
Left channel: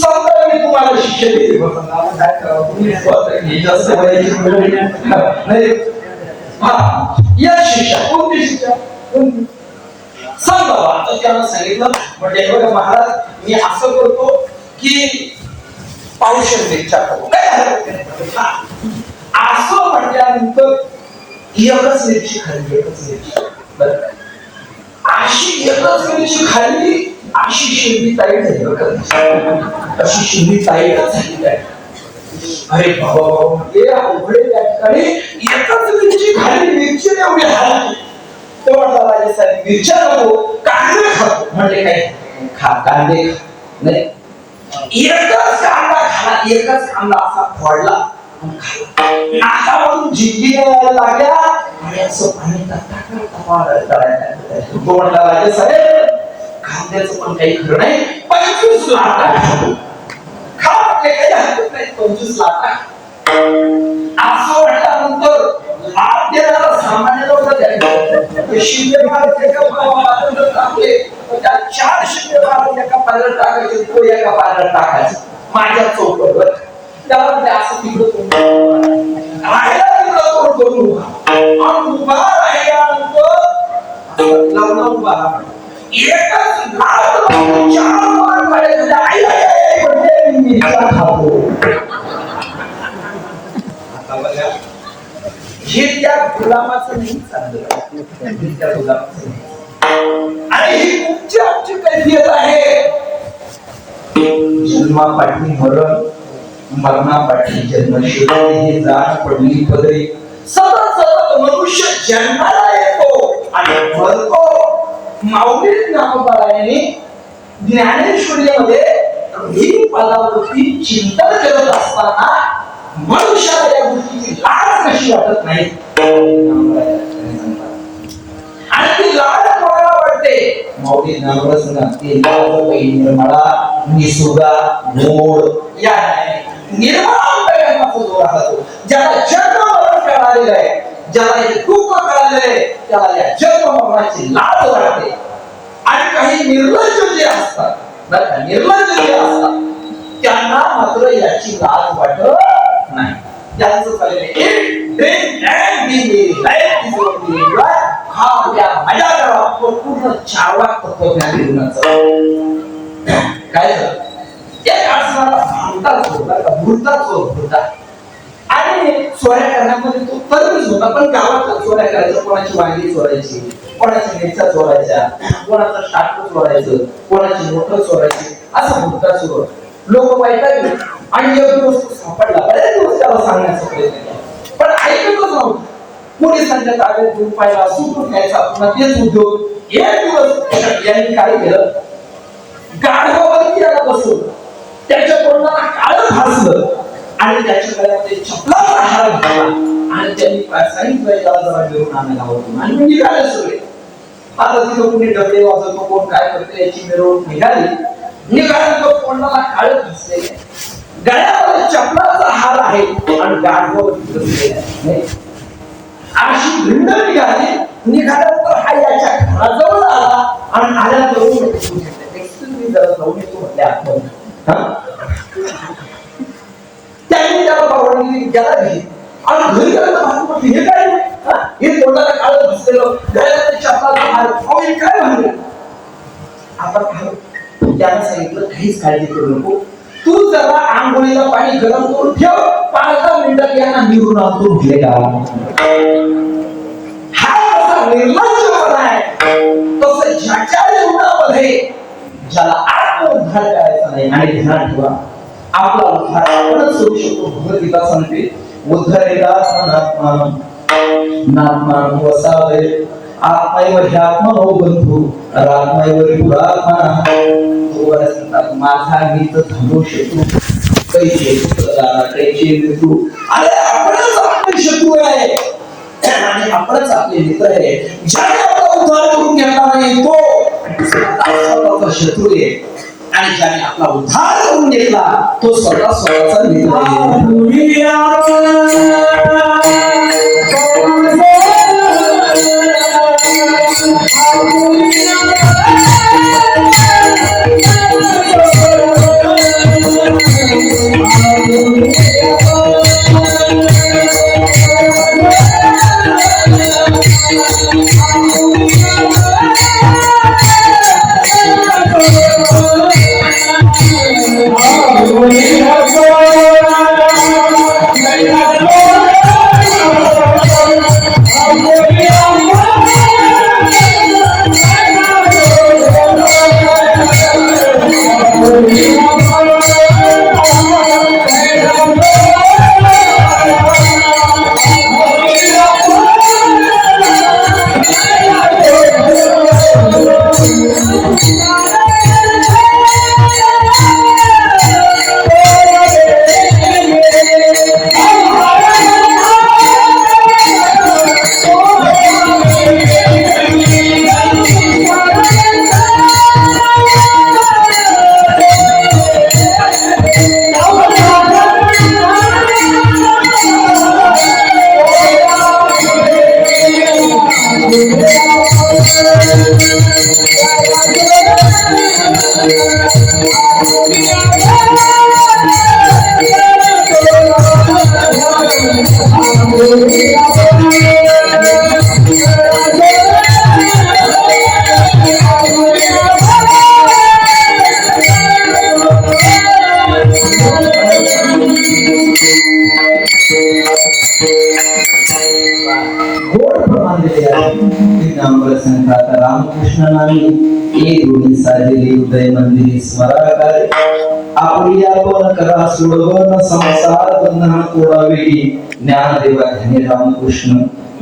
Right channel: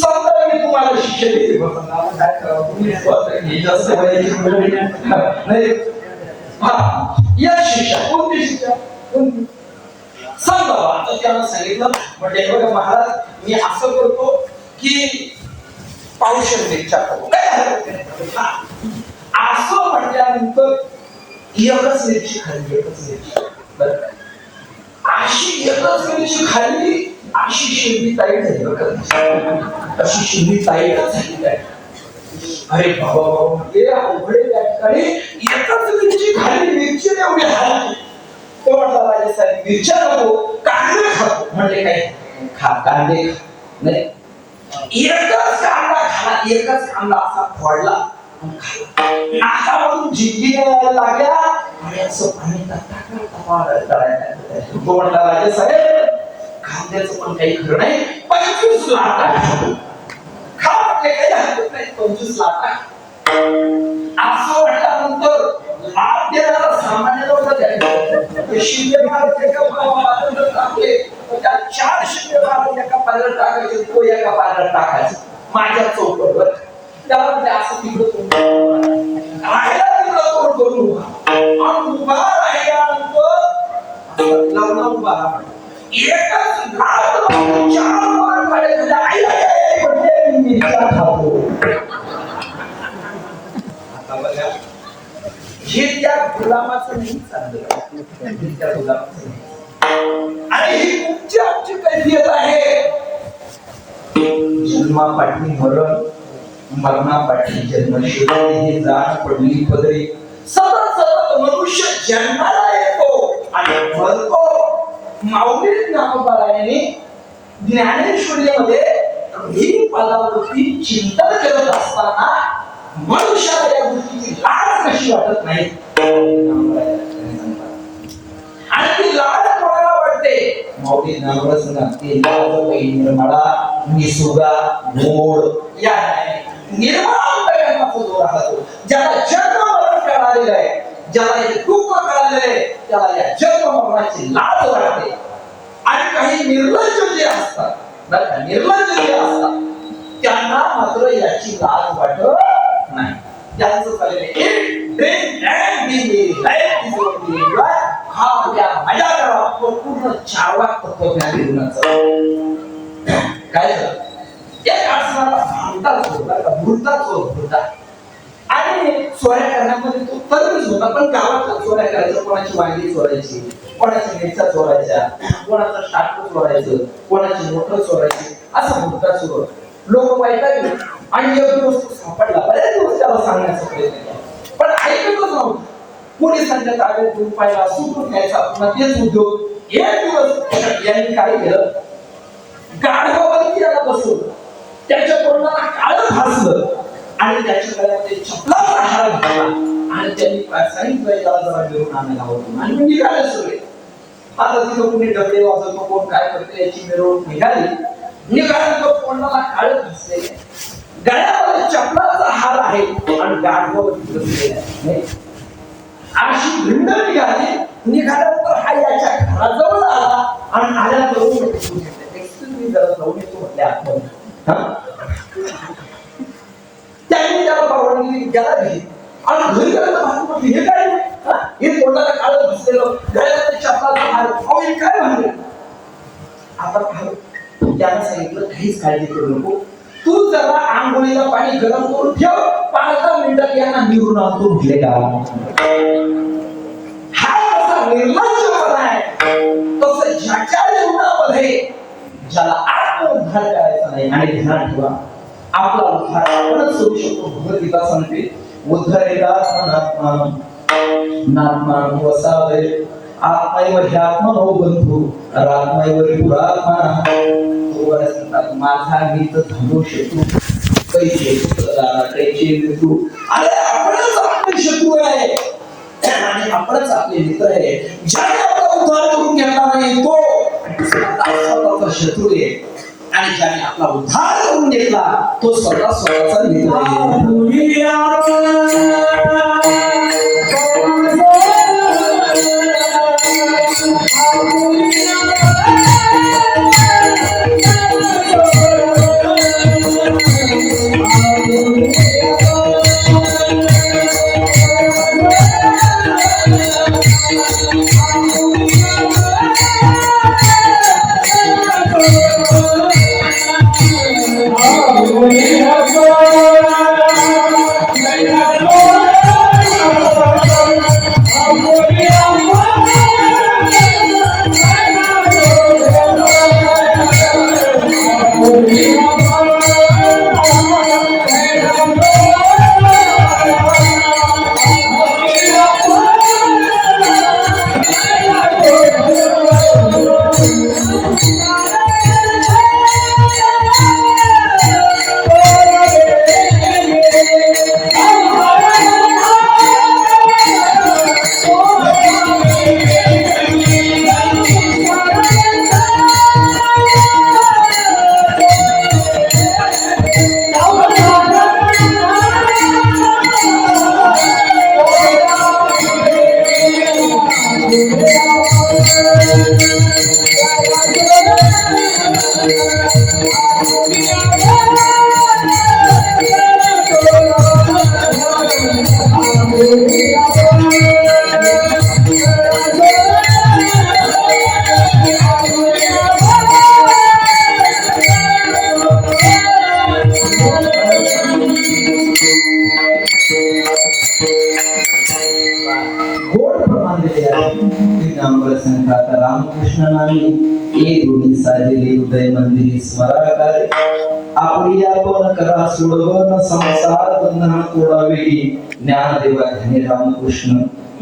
समजा मी तुम्हाला शिक्षा देते, काय करावं तुम्ही जास्त नाही. या शिक्षा कोणती शिक्षा? समजा आता त्याला सांगितलं, म्हणजे बघा महाराज मी असं करतो की पावशेर मिरच्या खातो, असं म्हटल्यानंतर एकच मिरची खाल्ली, एकच मिरची. अशी एकच मिरची खाल्ली, अशी शिंदी ताईट झाली, अशी शिंदी ताईटच झाली. काय अरे बाबा, हे अवघड त्या ठिकाणी एकच मिरची खाल्ली, मिरची एवढी खाल्ली. तो म्हटला राजा साहेब मिरच्या नको, कांदे खातो. म्हणजे काय? खा कांदे नाही. एकच कांदा खाला, एकच कांदा असा फोडला, नाकावरून जिंकली लागल्या आणि असं पाणी तो म्हटला राजा साहेब कांद्याचं पण काही खरं नाही, 25 लाटा खा. काही हरकत नाही, 25 लाटा. असं म्हटल्यानंतर लाट देणारा सामान्य लोक शिंदे महाराज एका टाकले, त्या 4 शिंदे महाराज एका पाण्यात टाकायचे, तो एका पाण्यात टाकायचा माझ्या चौकटवर. त्याला म्हणजे असं तिकडं राहिला, तिकडं तोड करून उभा राहिल्यानंतर लग्न उभा राहा. एकच लाट 4 वर पडायचं, आई म्हणजे मी खातो. आता बघा हे त्या गुलामाचं नाही चाललं, त्या गुलामाचं. आणि ही आमची कैफियत आहे. जन्मापाठी मरण, मरणापाठी जन्म. हे जाण पडली पदरी. सतत सतत मनुष्य जन्माला येतो आणि मरतो. माऊली ज्ञानोबारायांनी ज्ञानेश्वरीमध्ये ही पदावरती चिंतन करत असताना मनुष्याला या गोष्टीची लाज कशी वाटत नाही, आणि ती लाज कोणाला वाटते? माऊली ज्ञानोबा सांगतात की निर्मळा निसुगा गोड या निर्मळा जोर राहतो. ज्याला जन्म मरण कळालेलं आहे, ज्याला हे दुःख कळालेलं आहे, त्याला या जन्म मरणाची लाज वाटते. आणि काही निर्लज्ज जे असतात, निर्लज्ज जे असतात, त्यांना मात्र याची लाज वाटत नाही. त्यांचं मजा करा, पूर्ण चारवा तत्वज्ञान जीवनाचं काय झालं? एक असणारा भुरता आणि चोऱ्या करण्यामध्ये तो तरच होता. पण गावातला चोऱ्या करायचा, कोणाची वांगी चोरायची, कोणाची मिरच्या चोरायच्या, कोणाचं टाकं चोरायचं, कोणाची मोटर चोरायची, असा भुरता चोर. लोक वैतागले आणि एक दिवस तो सापडला. बरेच दिवस त्याला सांगण्याचा प्रयत्न केला, पण ऐकतच नव्हतं. पोलिसांच्या ताब्यात घेऊन पाहिला, सुटून घ्यायचा, पुन्हा तेच उद्योग. एक दिवस यांनी काय केलं, गाढवावरती याला बसवलं, त्याच्या तोंडाला काळं फासलं आणि त्याच्या गळ्यामध्ये चपलाचा हार घातला आणि त्यांनी सांगितलं याला जरा घेऊन आणायला होतो आणि निघाले सगळे. आता तिथं कुणी डबडे वाजवतो, कोण काय करते, याची मिरवणूक निघाली. निघाल्यानंतर तोंडाला काळं फासले, गळ्यामध्ये चपलाचा हार आहे आणि गाढवावर अशी भिंड निघाली. निघाल्यानंतर हा याच्या घराजवळ आला आणि आल्यानंतर जरा जाऊन येतो म्हटले आतमध्ये. त्यांनी त्याला परवानगी द्यायला दिली आणि घरी गेल्यानंतर हे काय, हे तोंडाला काळं घुसलेलं, गळ्यामध्ये चपलाचा हार, काय म्हणलं आपण त्याला सांगितलं काहीच काळजी करू नको, तू जरा आंघोळीला पाणी गरम करून ठेव, 5-10 मिनिटात यांना निवडून आणतो म्हटले का. हा असा निर्लज्जपणा आहे. तसं ज्याच्या जीवनामध्ये ज्याला आत्मउद्धार करायचा नाही, आणि ध्यान ठेवा आपला उद्धार आपणच करू शकतो. भगवद्गीता सांगते उद्धरेदात्मनात्मानं नात्मानं वसावे आत्मैव ह्यात्मनो बंधू रात्मैव पुरात्मनः. माझा मित्र धनो शत्रू कैचे मृत्यू. अरे आपणच आपले शत्रू आहे आणि आपणच आपले मित्र आहे. ज्याने आपला उद्धार करून घेतला नाही तो स्वतःचा शत्रू आहे, आणि ज्याने आपला उद्धार करून घेतला तो स्वतःचा मित्र आहे. रामकृष्ण नामी एक दोन्ही साजेले हृदय मंदिरी स्मराकारे आपली आपण करा सोडवन संसार बंधना तोडावेळी ज्ञानदेवा ध्यानी रामकृष्ण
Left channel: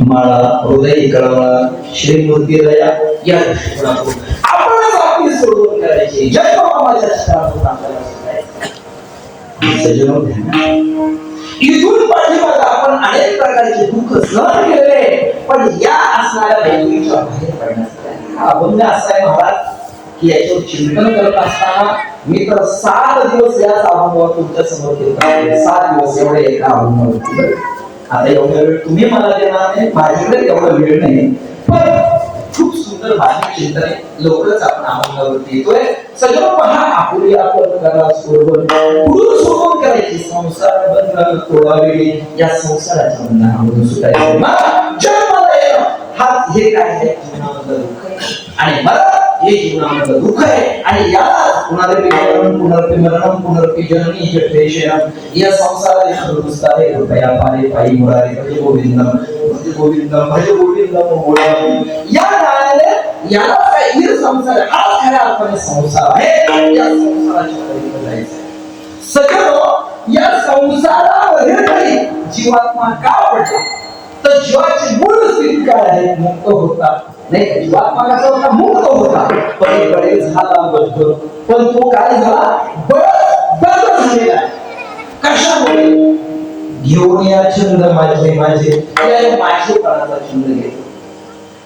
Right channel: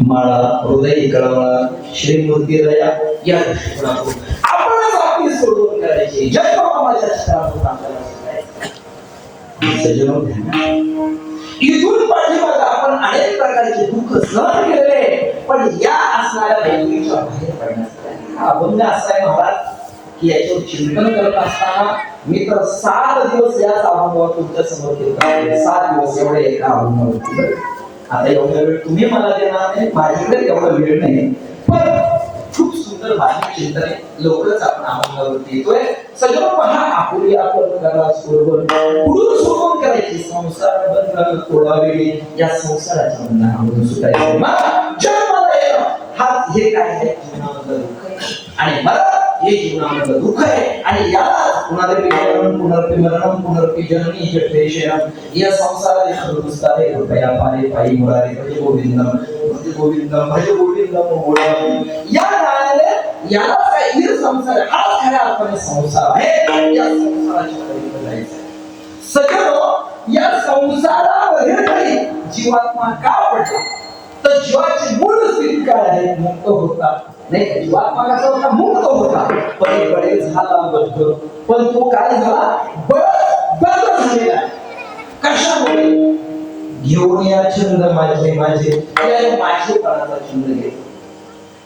माळा हृदय कळवळा श्रीमूर्तीलया या दृष्टिकोनातून आपणच आपली सोडवण करायची. जन्मामाच्या स्थानातून आपल्याला सजनो ध्यान. इथून पाठीमागे आपण अनेक प्रकारचे दुःख सहन केले, पण या असणाऱ्या दैवीच्या बाहेर पडण्यासाठी हा अभंग असा आहे महाराज की याच्यावर चिंतन करत असताना मी तर 7 दिवस याच अभंगावर तुमच्या समोर केला. 7 दिवस एवढे एका अभंगावर. आता एवढा वेळ तुम्ही मला देणार नाही, माझ्याकडे एवढा वेळ नाही, पण खूप सुंदर भाषिक चिंतन आहे. लवकरच आपण अभंगावरती येतोय. सगळं पहा आपुली आपण करा सोडवण पुढून सोडवून करायची संसार बंधन तोडावेळी या संसाराच्या बंधनामधून सुटायचं. जन्माला येणं हा हे काय आहे जीवनामधलं दुःख आहे, आणि मरण हे जीवनामधलं दुःख आहे, आणि याला पुनरपि मरणं पुनरपि मरणं पुनरपि जननी जठरेशयनं या संसाराचे दुरुस्तारे कृपया पारे पायी मुरारे भज गोविंदम भज गोविंदम भज गोविंदम गोविंदम. या नावाने याला काय हे संसार हा खऱ्या अर्थाने संसार आहे. या संसाराची पलीकडे जायचं. सगळं या संसारामध्ये तरी जीवात्मा का पडला, तर जीवाची मूळ स्थिती काय आहे? मुक्त होता. नाही जीवात्मा कसा होता? मुक्त होता. पलीकडे झाला बद्ध, पण तो काय झाला? बद्ध झालेला. कशामुळे? घेऊन या छंद माझे माझे माझेपणाचा छंद घेतला.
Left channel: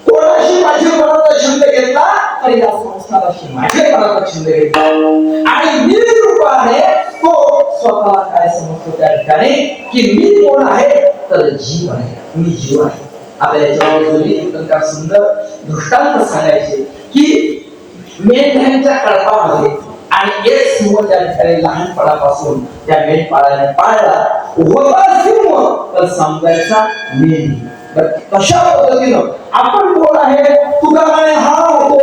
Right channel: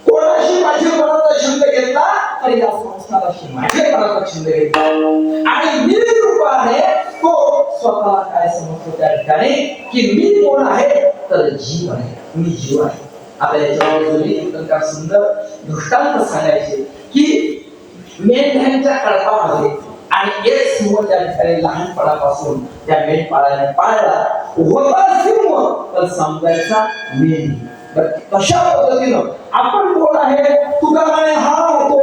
कोणाशी माझेपणाचा छंद घेतला? तर या संसाराशी माझेपणाचा छंद घेतला, आणि मी रूपाने तो स्वतःला काय समजतो त्या ठिकाणी की मी कोण आहे? तर जीव आहे, मी जीव आहे. आपल्या याच्यावर सुंदर दृष्टांत सांगायचे की मेंढ्यांच्या कळपामध्ये आणि एक सिंह त्या ठिकाणी लहानपणापासून त्या मेंढपाळाने पाळला होता सिंह, तर समजायचा मेंढी. कशा पद्धतीनं आपण कोण आहे तुका म्हणे हा तो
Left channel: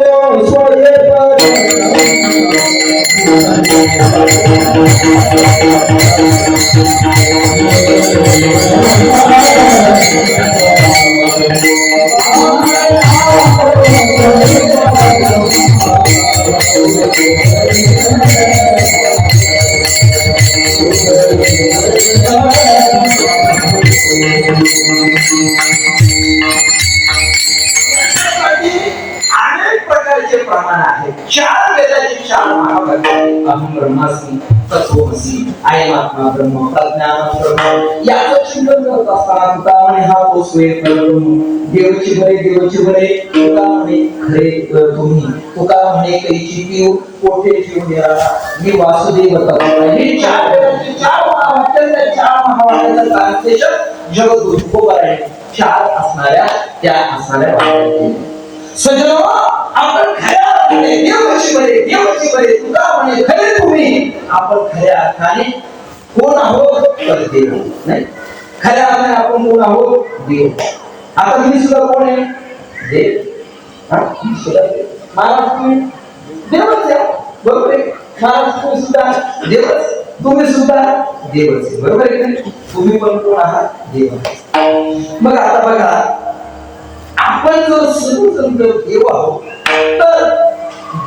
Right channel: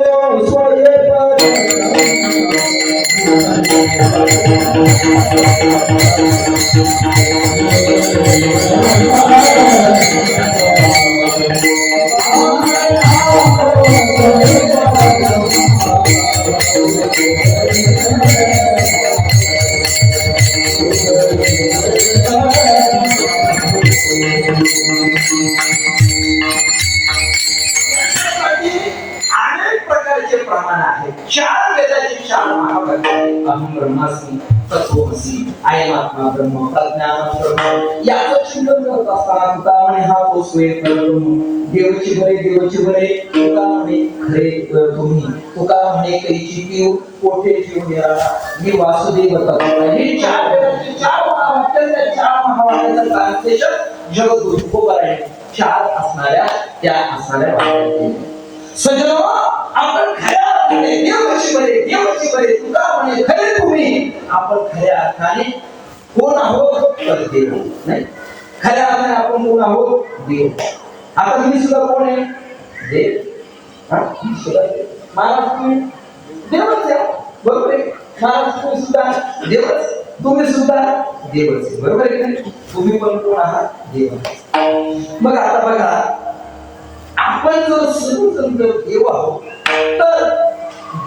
अनेक प्रकारचे प्रमाण आहेत. चार वेदाचे चार महावाक्य अहम ब्रह्मास्मि तत्त्वमसि अयमात्मा ब्रह्म प्रज्ञान ब्रह्म याचं चिंतन करत असताना तुका म्हणे हा तो स्वयं ब्रह्म देवची बरे तुका म्हणे खरे तुम्ही तुका म्हणे कैची पीव कोठे जीव निराळा मी वासुदेव तत्व हे चार वेदाचे चार महावाक्य त्या चार महावाक्याचं ट्रान्सलेशन जगद्गुरु तुकोबाराय चार असणाऱ्या त्या असणाऱ्या सजनो आपण खऱ्या अर्थाने देवची बरे तुका म्हणे खरे तुम्ही आपण खऱ्या अर्थाने कोण आहोत तर देव नाही खऱ्या अर्थाने आपण कोण आहोत देव आता मी सुद्धा कोण आहे देव महाराज तुम्ही देवच आहे बरोबर आहे महाराज तुम्ही सुद्धा देवच तुम्ही सुद्धा देवच आहे बरोबर आहे की तुम्ही पण कोण आहात देव मग आता बघा आपण जर सर्वजण देव आहोत तर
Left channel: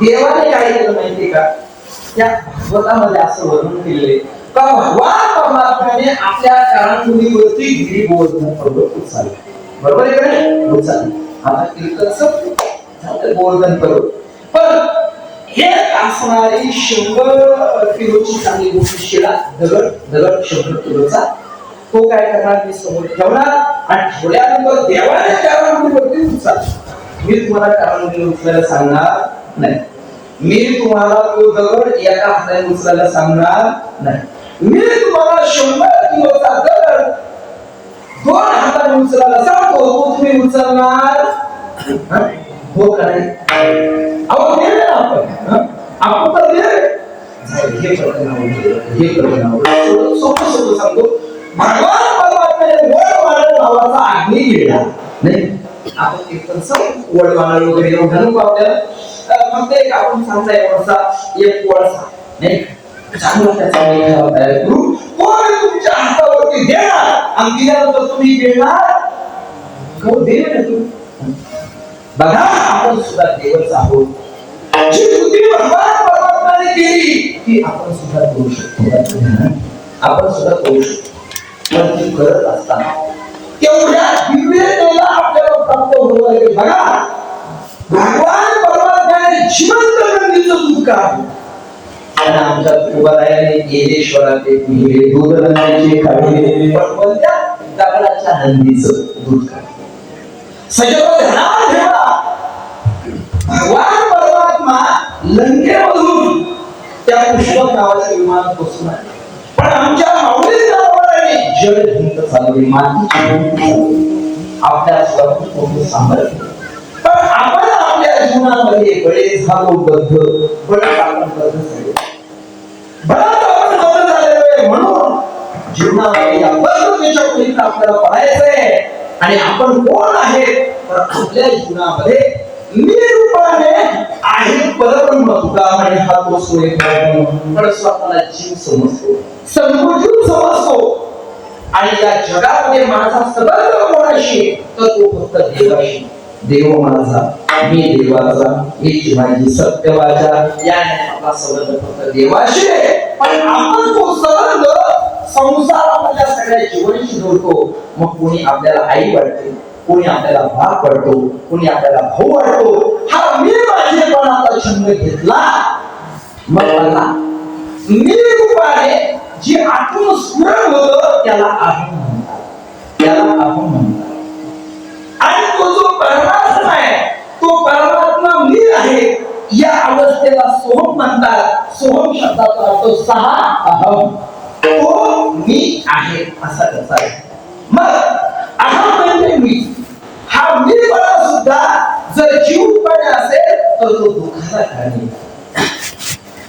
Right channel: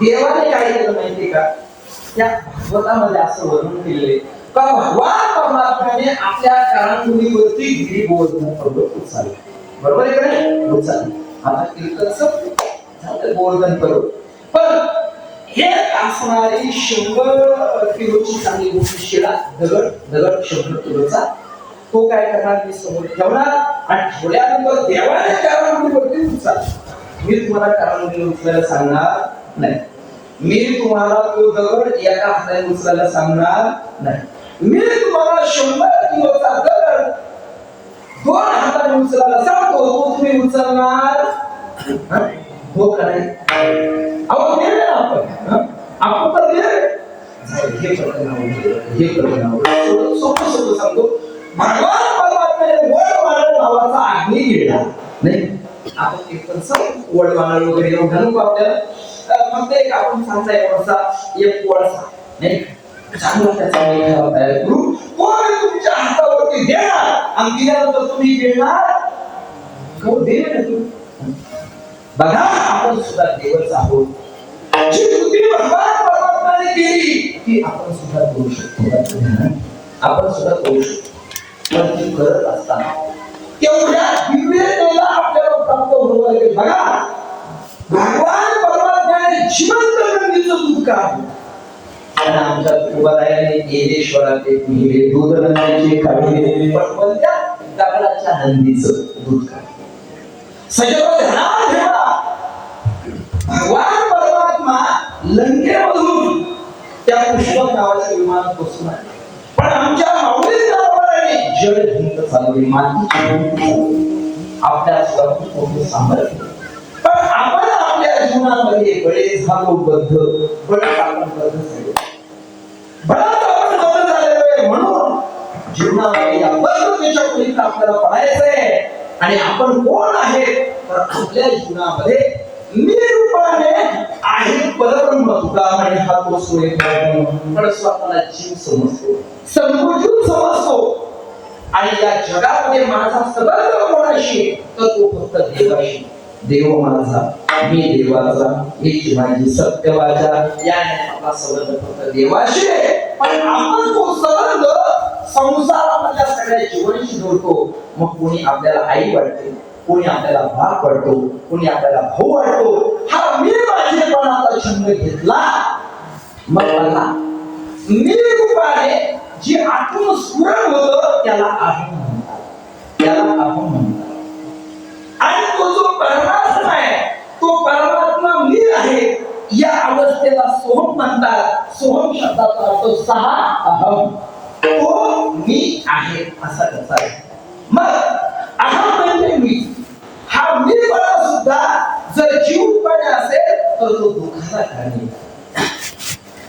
देवाने काय केलं माहितीये का त्या भागवतामध्ये असं वर्णन केलेले का भगवान परमात्म्याने आपल्या कानांवरती गिरी गोवर्धन पर्वत उचलले बरोबर आहे का नाही उचलले आता कीर्तन गोवर्धन पर्वत पण एक असणारी 100 किलोची चांगली गोष्टी शिला दगड 100 किलोचा तो काय करणार मी समोर ठेवणार आणि ठेवल्यानंतर देवाने कानांवरती उचलला मी तुम्हाला कानांवरती उचलायला सांगणार नाही मी तुम्हाला तो दगड एका हाताने उचलायला सांगणार नाही मी तुम्हाला 100 किलोचा दगड 2 हाताने उचलायला सांगतो तो तुम्ही उचलणार हो का नाही अहो देव आपण तर हे सोपं सांगतो भगवान परमात्म्याने वडवाळ नावाचा अग्नी घेतला नाही आपण कीर्तन सब वडवाळ वगैरे म्हणून आपल्याला फक्त एक आपण सांगता एक वळसा नाही चांगला त्याचा मेघावा तयार करू कोण तुमच्या हातावरती देणार आणि दिल्यानंतर तुम्ही देणार कोण देव आहे तुम्ही बघा आपण सुद्धा देवच आहोत जी कृती भगवान परमात्म्याने केली ती आपण सुद्धा करू शकतो आपण सुद्धा करू शकतो पण ती करत असताना तेवढ्या दिव्यतेला आपल्याला प्राप्त होऊ लागेल बघा भगवान परमात्म्याने जिवंत नंदीचं दूध काढलं आणि आमच्या तुकारायाने येलेश्वराचे पिहिले दूध नंदीचे काढले पण कोणत्या दगडाच्या नंदीचं दूध काढलं सगळं ध्यानात ठेवा भगवान परमात्मा लंकेमधून त्या पुष्पक नावाच्या विमानात बसून आले पण आमच्या माऊली जड भिंत चालवली माती आपल्या स्वतः सांभाळले पण आपण आपल्या जीवनामध्ये बरेच झालो बद्ध बरेच आपण बद्ध झालो बराच आपण बद्ध झालेलो आहे म्हणून जीवनामध्ये या बद्धतेच्या पलीकडे आपल्याला पळायचंय आणि आपण कोण आहे तर आपल्या जीवनामध्ये निरूपाने आहे परब्रह्म तुका म्हणे हा तो सोय पण स्वतःला जीव समजतो संकुचित समजतो आणि या जगामध्ये माझा संबंध कोणाशी तर तो फक्त देवाशी देव माझा मी देवाचा हीच माझी सत्य वाचा याने आपला संबंध फक्त देवाशी पण आपण तो संबंध संसारामधल्या सगळ्या जीवनाशी जोडतो मग कोणी आपल्याला आई वाटते कोणी आपल्याला बाप वाटतो कोणी आपल्याला भाऊ वाटतो हा मी माझेपणाचा छंद घेतला मग मला मी रूपाने जे आत्म स्फुरण होतं त्याला अहम म्हणतात आणि तो जो परमात्मा आहे तो परमात्मा मी आहे या अवस्थेला सोहम म्हणतात सोहम शब्दाचा अर्थ सहा अहम तो मी आहे असा त्याचा आहे मग अहम म्हणजे मी हा मीपणा सुद्धा जर जीवपणे असेल तर तो दुःखाचा कारण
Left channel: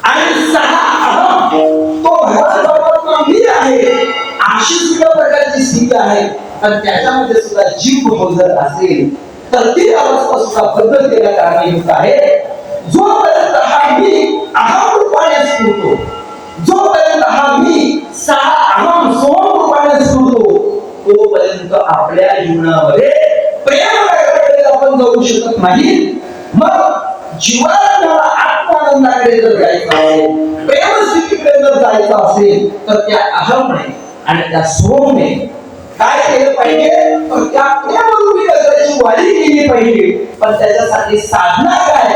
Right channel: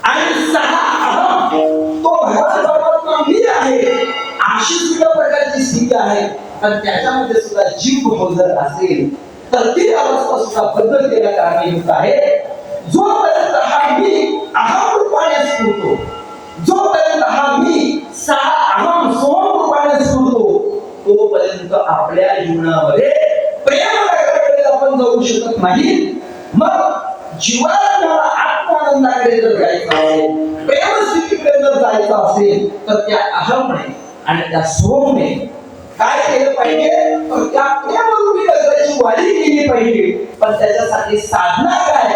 आणि सहा अहम तो भगवान परमात्मा मी आहे अशी सुद्धा प्रकारची स्थिती आहे आणि त्याच्यामध्ये सुद्धा जीव जर असेल तर ती अवस्था सुद्धा बदल केल्या कारणीभूत आहे. जोपर्यंत हा मी अहम रूपाने स्फुरतो, जोपर्यंत हा मी अहम सोम रूपाने स्फुरतो, तोपर्यंत आपल्या जीवनामध्ये प्रेम आपण जाऊ शकत नाही. मग जीवनाला आत्मानंदाकडे जर जायचं असेल, प्रेमस्थितीकडे जर जायचं असेल तर त्या अहमने आणि त्या सोमने काय केलं पाहिजे, तर त्या प्रेमरूपी गजराची वाढी केली पाहिजे. पण त्याच्यासाठी साधना काय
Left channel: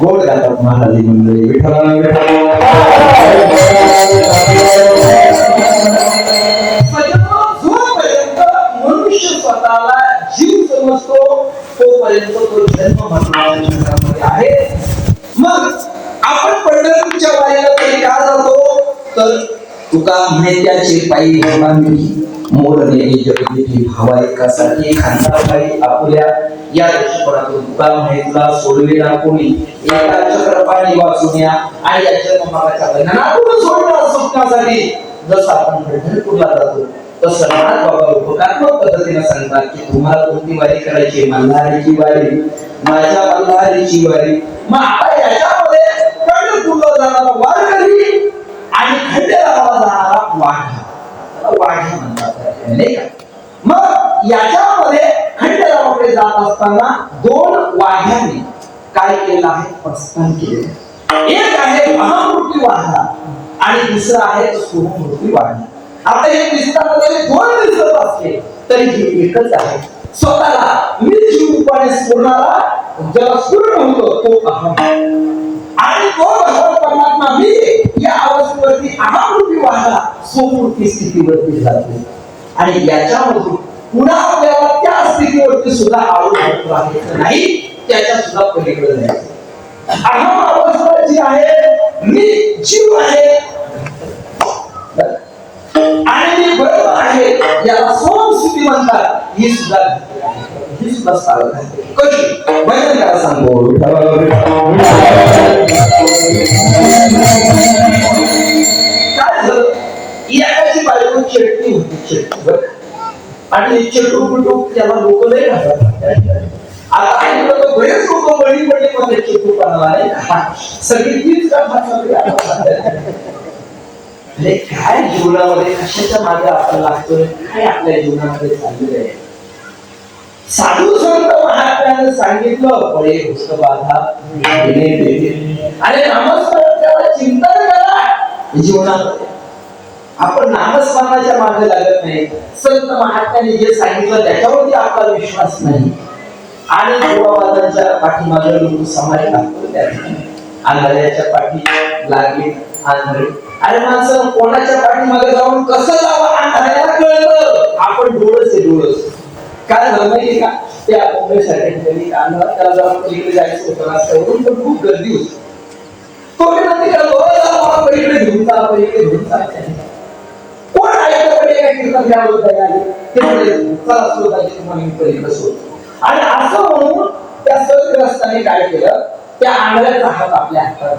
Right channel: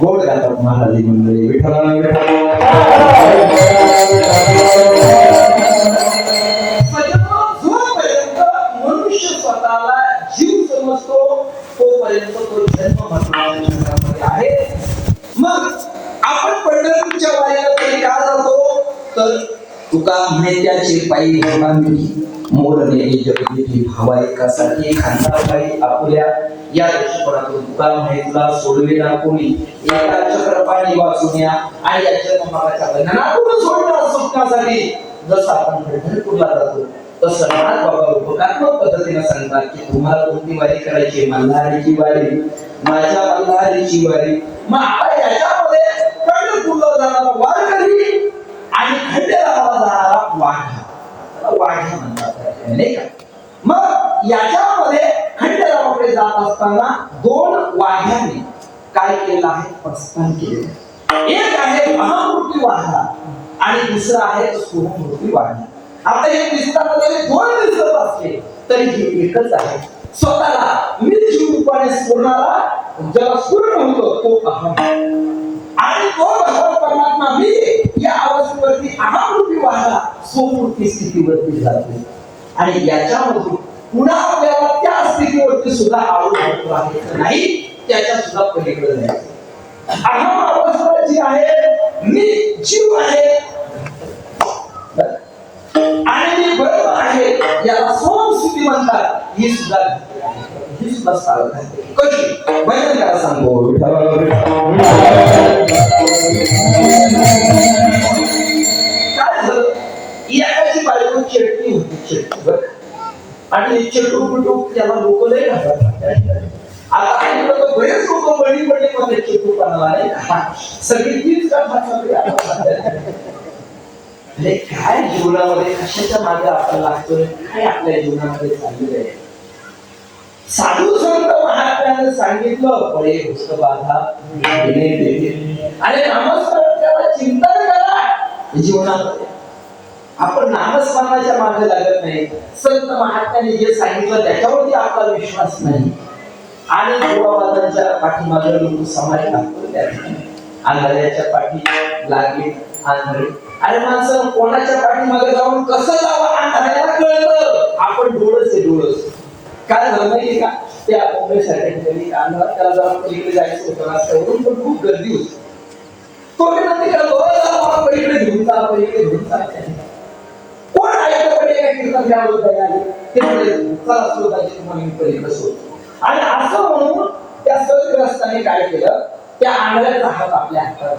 गोड गातात महाराज मंडळी. मनुष्य स्वतःला जीव समजतो तोपर्यंत तो जन्म आहे. मग आपण पंढरपूरच्या वारीला तरी का जातो, तर तुका म्हणे त्याचे पायी मोर नेली जगदेठी भावा एकासाठी खांदाबाई आपुल्या या दृष्टिकोनातून तुका म्हणे सोडलेला कोणी एका चक्रपाणी वाचून आणि या जन्ममागाच्या बंधनातून सोडला सुटण्यासाठी. जसं आपण पंढरपूरला जातो तसं नाथ बाबा उपकारात्मक पद्धतीने सांगतात की तुम्हाला कोणती वारी करायची, मल्हारीची वारी, माझ्या मल्हारीची वारी. मग आता याच्यामध्ये पंढरपूरला जाणारा वारकरी आणि खंडेरावाला जाणारा वाढा म्हणतात नाही का. मग याच्यामध्ये खंडेरावाकडे जात असताना दोन वाढ्याने काय केलं आहे, प्रस्थान केले. एक आहे महामूर्ती वाढा आणि दुसरा आहे सूक्ष्ममूर्ती वाढा. आता हे दिसताना जरी दोन दिसत असले तरी हे एकच आहे. स्वतःला मी जीव रूपाने स्फुरणारा ज्याला स्फुरण होतो तो अहम, आणि तो भगवत परमात्मा मी या अवस्थेवरती अहमरूपी वाहना स्वमूर्ती स्थितीवरती जातो आणि याच्यामधून पुन्हा आपल्याला त्या स्थितीवरती सुद्धा आवड वागायचं नाही, त्याच्या सुद्धा पलीकडे जायचं. अहम अवस्था जी आहे मी जीव आहे आणि मी बरोबर आहे याला स्वमस्थिती म्हणतात. ही सुद्धा चालत आहे. कशी भजन करा सांगू काय झालं. याची बायको चेटणी होती, चेटणी आणि चेटू त्याला लोक नाही म्हणतात. आता तो बरेच लोक बळी पडले मध्ये चेटूपणाला नाही, सगळी तीच अरे काय जीवनामध्ये कशाच्या मागे आपण लागतोय, काय आपल्या जीवनामध्ये चाललेलं आहे. साधू संत महात्म्याने सांगितलं फळे भूत बाधा आणि नामस्मरणाला चिंतन करा. जीवनामध्ये आपण नामस्मरणाच्या मागे लागत नाही. संत महात्म्याने जे सांगितलं त्याच्यावरती आपला विश्वास नाही आणि देवावादांच्या पाठीमागे लोक समाज लागतो. त्या आंधळ्याच्या पाठी लागले आंधळे. अरे माणसं कोणाच्या पाठीमागे जाऊन कसं जावं आंधळ्याला कळलं. आपण डोळस आहे डोळस. काय झालं माहिती का, त्या मुंबईसाठी त्याला जाऊन पलीकडे जायचं होतं रस्त्यावरून, पण खूप गर्दी होती. तो पलीकडे घेऊन जा, पलीकडे घेऊन जा. कोण ऐकलं पडे काय कीर्तन द्यावं तयारी चला स्वतःची तुम्हाला पलीकडे सोडतो. आणि असं म्हणून त्या सदग्रस्ताने काय केलं, त्या आंधळ्याचा हात आपल्या हातात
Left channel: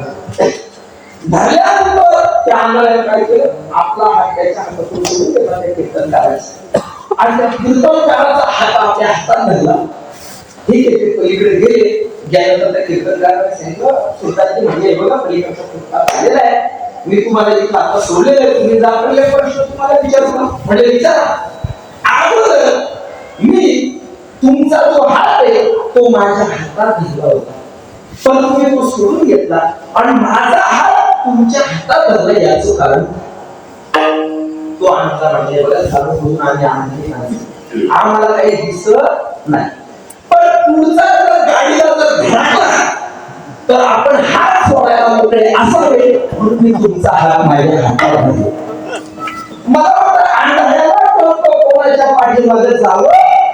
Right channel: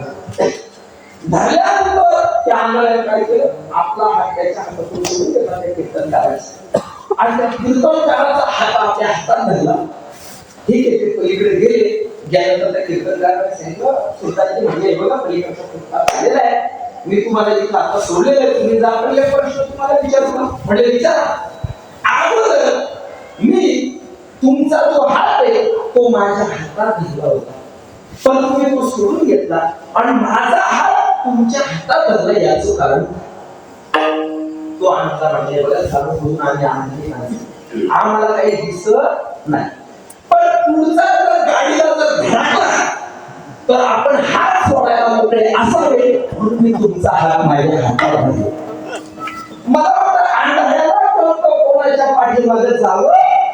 धरल्यानंतर त्या आंधळ्याने काय केलं, आपला हात त्याच्या हातातून सोडून त्याला कीर्तन करायचं आणि त्या कीर्तनकाराचा हात आपल्या हातात धरला. ठीक आहे, ते पलीकडे गेले. गेल्यानंतर त्या कीर्तनकाराने सांगितलं, स्वतःची म्हणजे बघा पलीकडचा फुटपाथ झालेला आहे, मी तुम्हाला इथं आता सोडलेलं आहे, तुम्ही जा. पण एक प्रश्न तुम्हाला विचारू ना, म्हणजे विचारा. अगोदर मी तुमचा जो हात आहे तो माझ्या हातात घेतला होता, पण तुम्ही तो सोडून घेतला आणि माझा हात तुमच्या हातात धरला. याचं कारण तो आमचा म्हणजे चालू करून आम्ही आणखी आम्हाला काही दिसत नाही. पण पुढचा जर गाडीला जर धरला तर आपण हात सोडायला मोकळे असावे, म्हणून मी तुमचा हात माझ्या हातात धरला. मला वाटतं आंधळ्याला कोणाच्या पाठीमागे जावं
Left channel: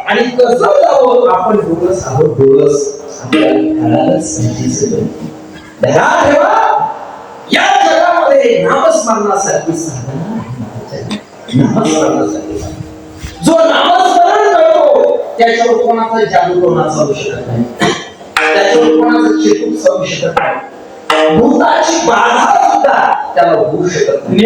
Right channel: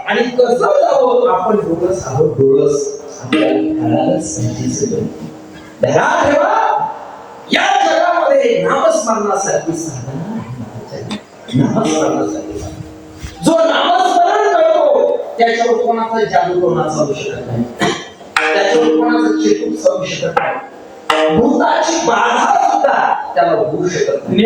आणि कसं जावं आपण डोळस आहोत. डोळस या जगामध्ये नामस्मरणासाठी साधना जो नामस्मरण करतो त्याच्यावर कोणाचा जादू कोणाचा होऊ शकत नाही, त्याच्यावर कोणाचा चेतून जाऊ शकत नाही, भूताची बाधा सुद्धा त्याला होऊ शकत नाही.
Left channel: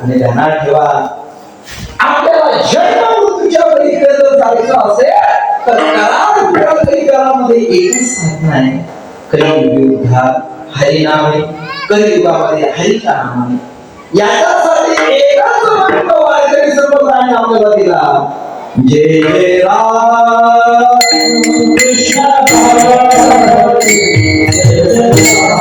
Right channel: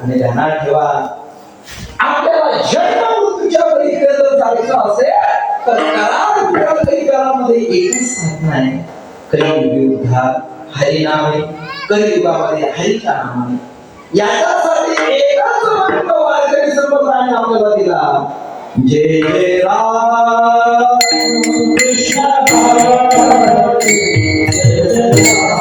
आणि ध्यानात ठेवा, आपल्याला जन्ममृत्यूच्या पलीकडे जर जायचं असेल तर करामध्ये एकच साधन आहे, कलियुगात हरिनामे, कलियुगामध्ये हरीच्या नामाने. याच्यासाठी एकच मंत्र वारकरी संप्रदायाने आपल्याला दिला, जय जय राम कृष्ण जय जय राम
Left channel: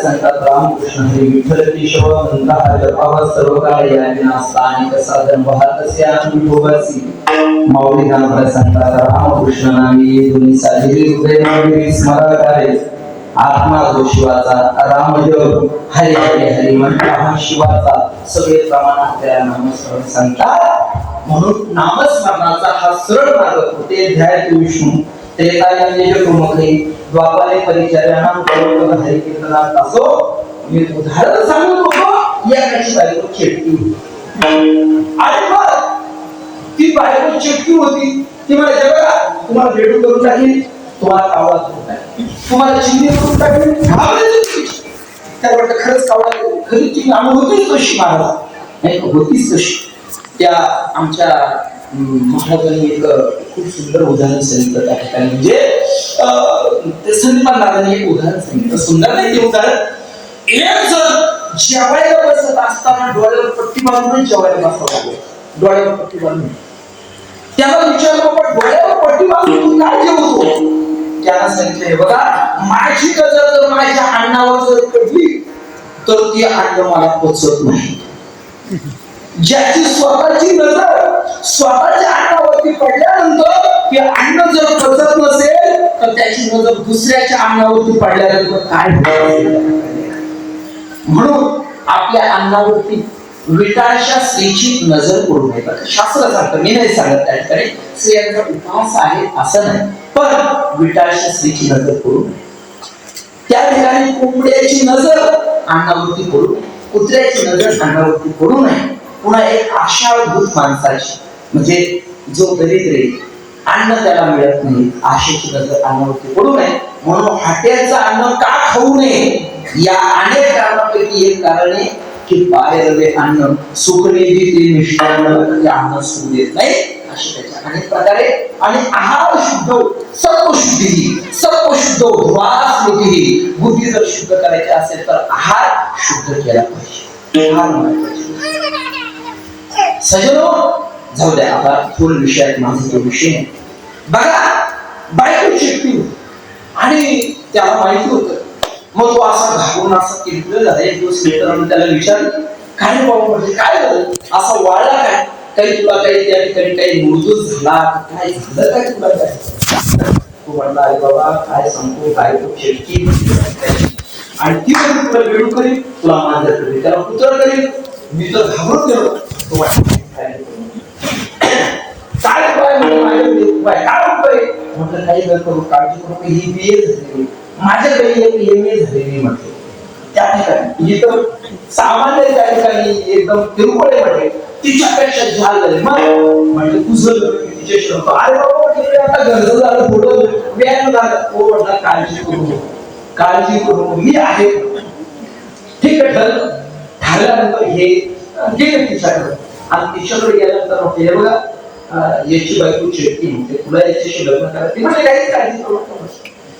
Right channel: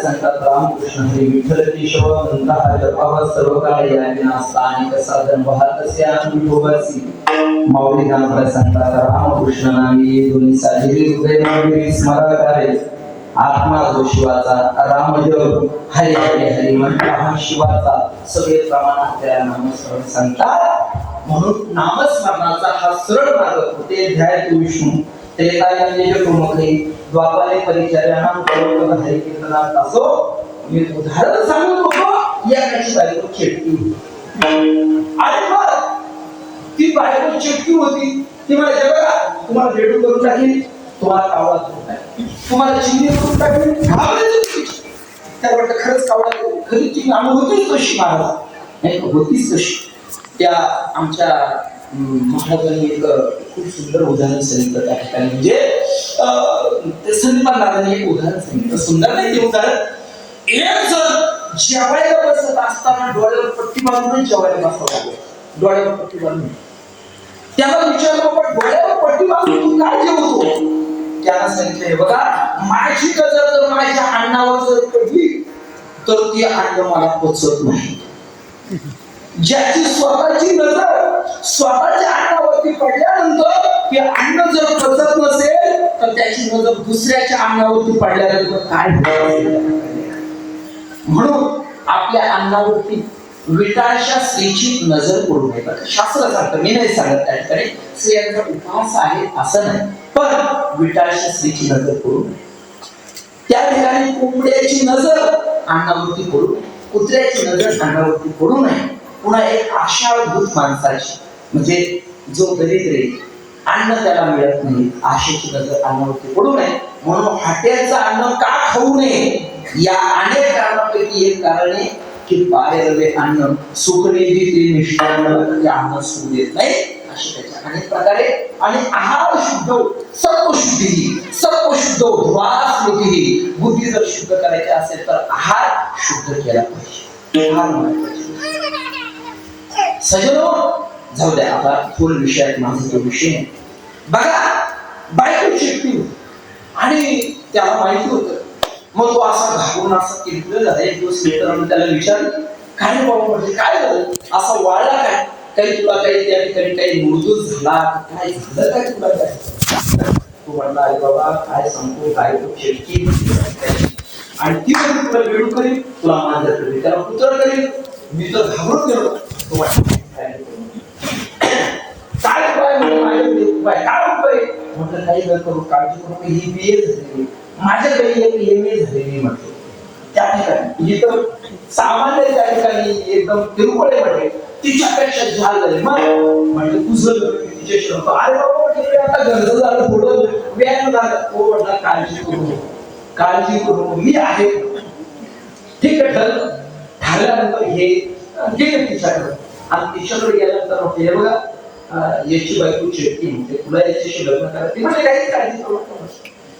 संतात रामकृष्ण हरी विठ्ठल केशव नंदा जपावा सर्व काळ यांना स्थानिक साधन वाहतसे विठोबाची माऊली नाम संतात रामकृष्ण नामी दोन्ही साजरी हृदय नामी स्मरणारे आत्मा जो शिवाचा राम जग हरी हरी हरी म्हणता हा शिवाचा सगळे प्रमाणात त्या नामस्मरण सांगतात म्हणून नामस्मरणाचा हा सरळ मार्ग होते ध्याय विष्णू त्रेतायुगे प्रमुखे द्वापारे परिचर्यानां करोड हरी कीर्तनात असो मी उदाहरण सांगू नको या कशी बायको चिटकी आणि मग ती बायको चिटकी होती ती मला जगा तुम्हाला भेटून करून टाकेल तुम्हाला आवाज होता तुम्हाला चिंती करून टाकेल त्यावर खरंच कावळा खरी ती होतीच कशी मला नाही होतीच कशी त्या आमच्या महाराजांनी एक खूप सुंदर उदाहरण सांगितलं त्या ठिकाणी म्हणजे ते संत महाराजांनी एक उदाहरण सांगितलं सुंदर नाही ते उदाहरण एक जण जेवायला बसत असताना डोळ्यावर पट्टी बांधून जेवायला बसला डोळ्यावर पट्टी बांधून त्याला विचारलं पण डोळ्यावर पट्टी बांधून तू काय जेवतो त्याला सांगितलं बघा माझी नजर जर माझ्या अन्नावर जर पडली तर ती अन्न मला पचत नाही ज्याची स्वतःची नजर स्वतःच्या अन्नावरती पडल्यानंतर ते अन्न जर पचत नसेल तर त्याची नजर दुसऱ्याच्या अन्नावरती पडल्यानंतर काय होईल म्हणून आपल्या अन्नावरती विटाळशा स्त्रीची नजर पडू नये शास्त्र सांगतं मी नाही सांगत त्या ठिकाणी स्त्रियांचा उपास आहे असं नाही पण विटाळशा स्त्रीची नजर पडू नये त्या ठिकाणी कोंबड्याची नजर अन्नावरती पडू नये कुत्र्याची नजर अन्नावरती पडू नये पुन्हा एक आशाभूत माणसाची म्हणजे जो दरिद्र अन्न त्याला मिळत नाही आशेची नजर अन्नावरती पडू नये म्हणून हॉटेलचं अन्न का खाऊ नये या अनेक कारणापैकी एक कारण आहे की बाहेरले अन्न सुखनेही ते मिष्टान्न अन्न सुख देत नाही अशी त्याच्या अनेक प्रकारे आणि आहार शुद्ध सत्वशुद्ध ध्वास बुद्धी जर शुद्ध करायची असेल तर आहार शुद्ध केला पाहिजे आहार महत्वाचे सजनो जाऊ द्या आता फुल विषयात माझा तो विषय बघा बायको चिटकी आणि त्याला माहिती होतं मग तो असा घाबरून असा किरकिर झाला एक दिवस मित्रांनी त्याला विचारलं काय बाबा म्हणजे काय झालं असा वाढला काय काही तुला काही त्या ठिकाणी काही मृत्यू झाला काय झालं काय तुला काय तू म्हणला अरे बाबा काय सांगतो काय तो चिटकी आणि ती तुला वेळू करील तुला मांजर करेल त्याला पुत्र करेल मी तर घाबरून गेलो काय म्हटलं काही न करू काळजी करू ही बी ए झालेली माझ्याकडे एक एम ए झालेली म्हटलं त्या ठिकाणी इथं सामान्य त्या ठिकाणी एकदम तिरुपडे म्हटले तिच्यापेक्षा झाल झाले म्हटलं तुझं तिच्याशी होतो अरे बाबा आता गरज झालं थोडं व्यायाम झालं थोडं काळजी करू मी आहे ठीक आहे ठरल्यानंतर हे गेले तिच्याकडे आणि तिच्याकडे गेल्यानंतर हे बघा याची बायको चिडकी म्हणते तुला याच्याशी लग्न करायची म्हणजे काही काळजी करू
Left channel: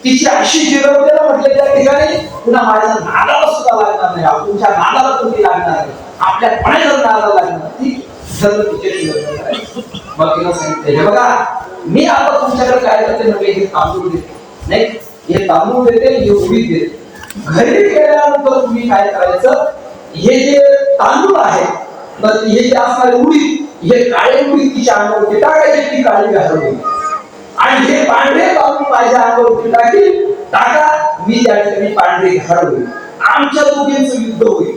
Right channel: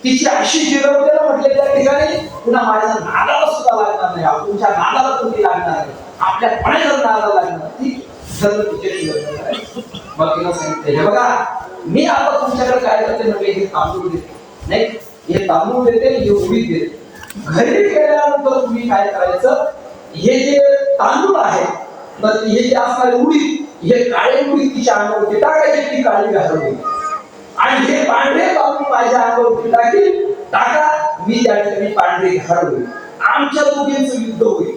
तिची अशी जिरवते ना म्हटलं त्या ठिकाणी पुन्हा माझ्या नादाला सुद्धा लागणार नाही तुमच्या नादाला तुम्ही लागणार नाही आपल्या पाण्याला नादाला लागणार ती सर्व तिच्याशी लग्न करायची मग तिला सांगितलं हे बघा मी आता तुमच्याकडे काय करते म्हणजे हे तांदूळ देते नाही हे तांदूळ देते हे उडीद देते घरी गेल्यानंतर तुम्ही काय करायचं हे जे तांदूळ आहे तर हे जे असणारे उडीद हे काळे उडीद तिच्या अंगावरती टाकायचे ती काळी घालवली आणि हे पांढरे तांदूळ माझ्या अंगावरती टाका मी त्या ठिकाणी पांढरे घालवले आमच्या दोघींचं युद्ध होईल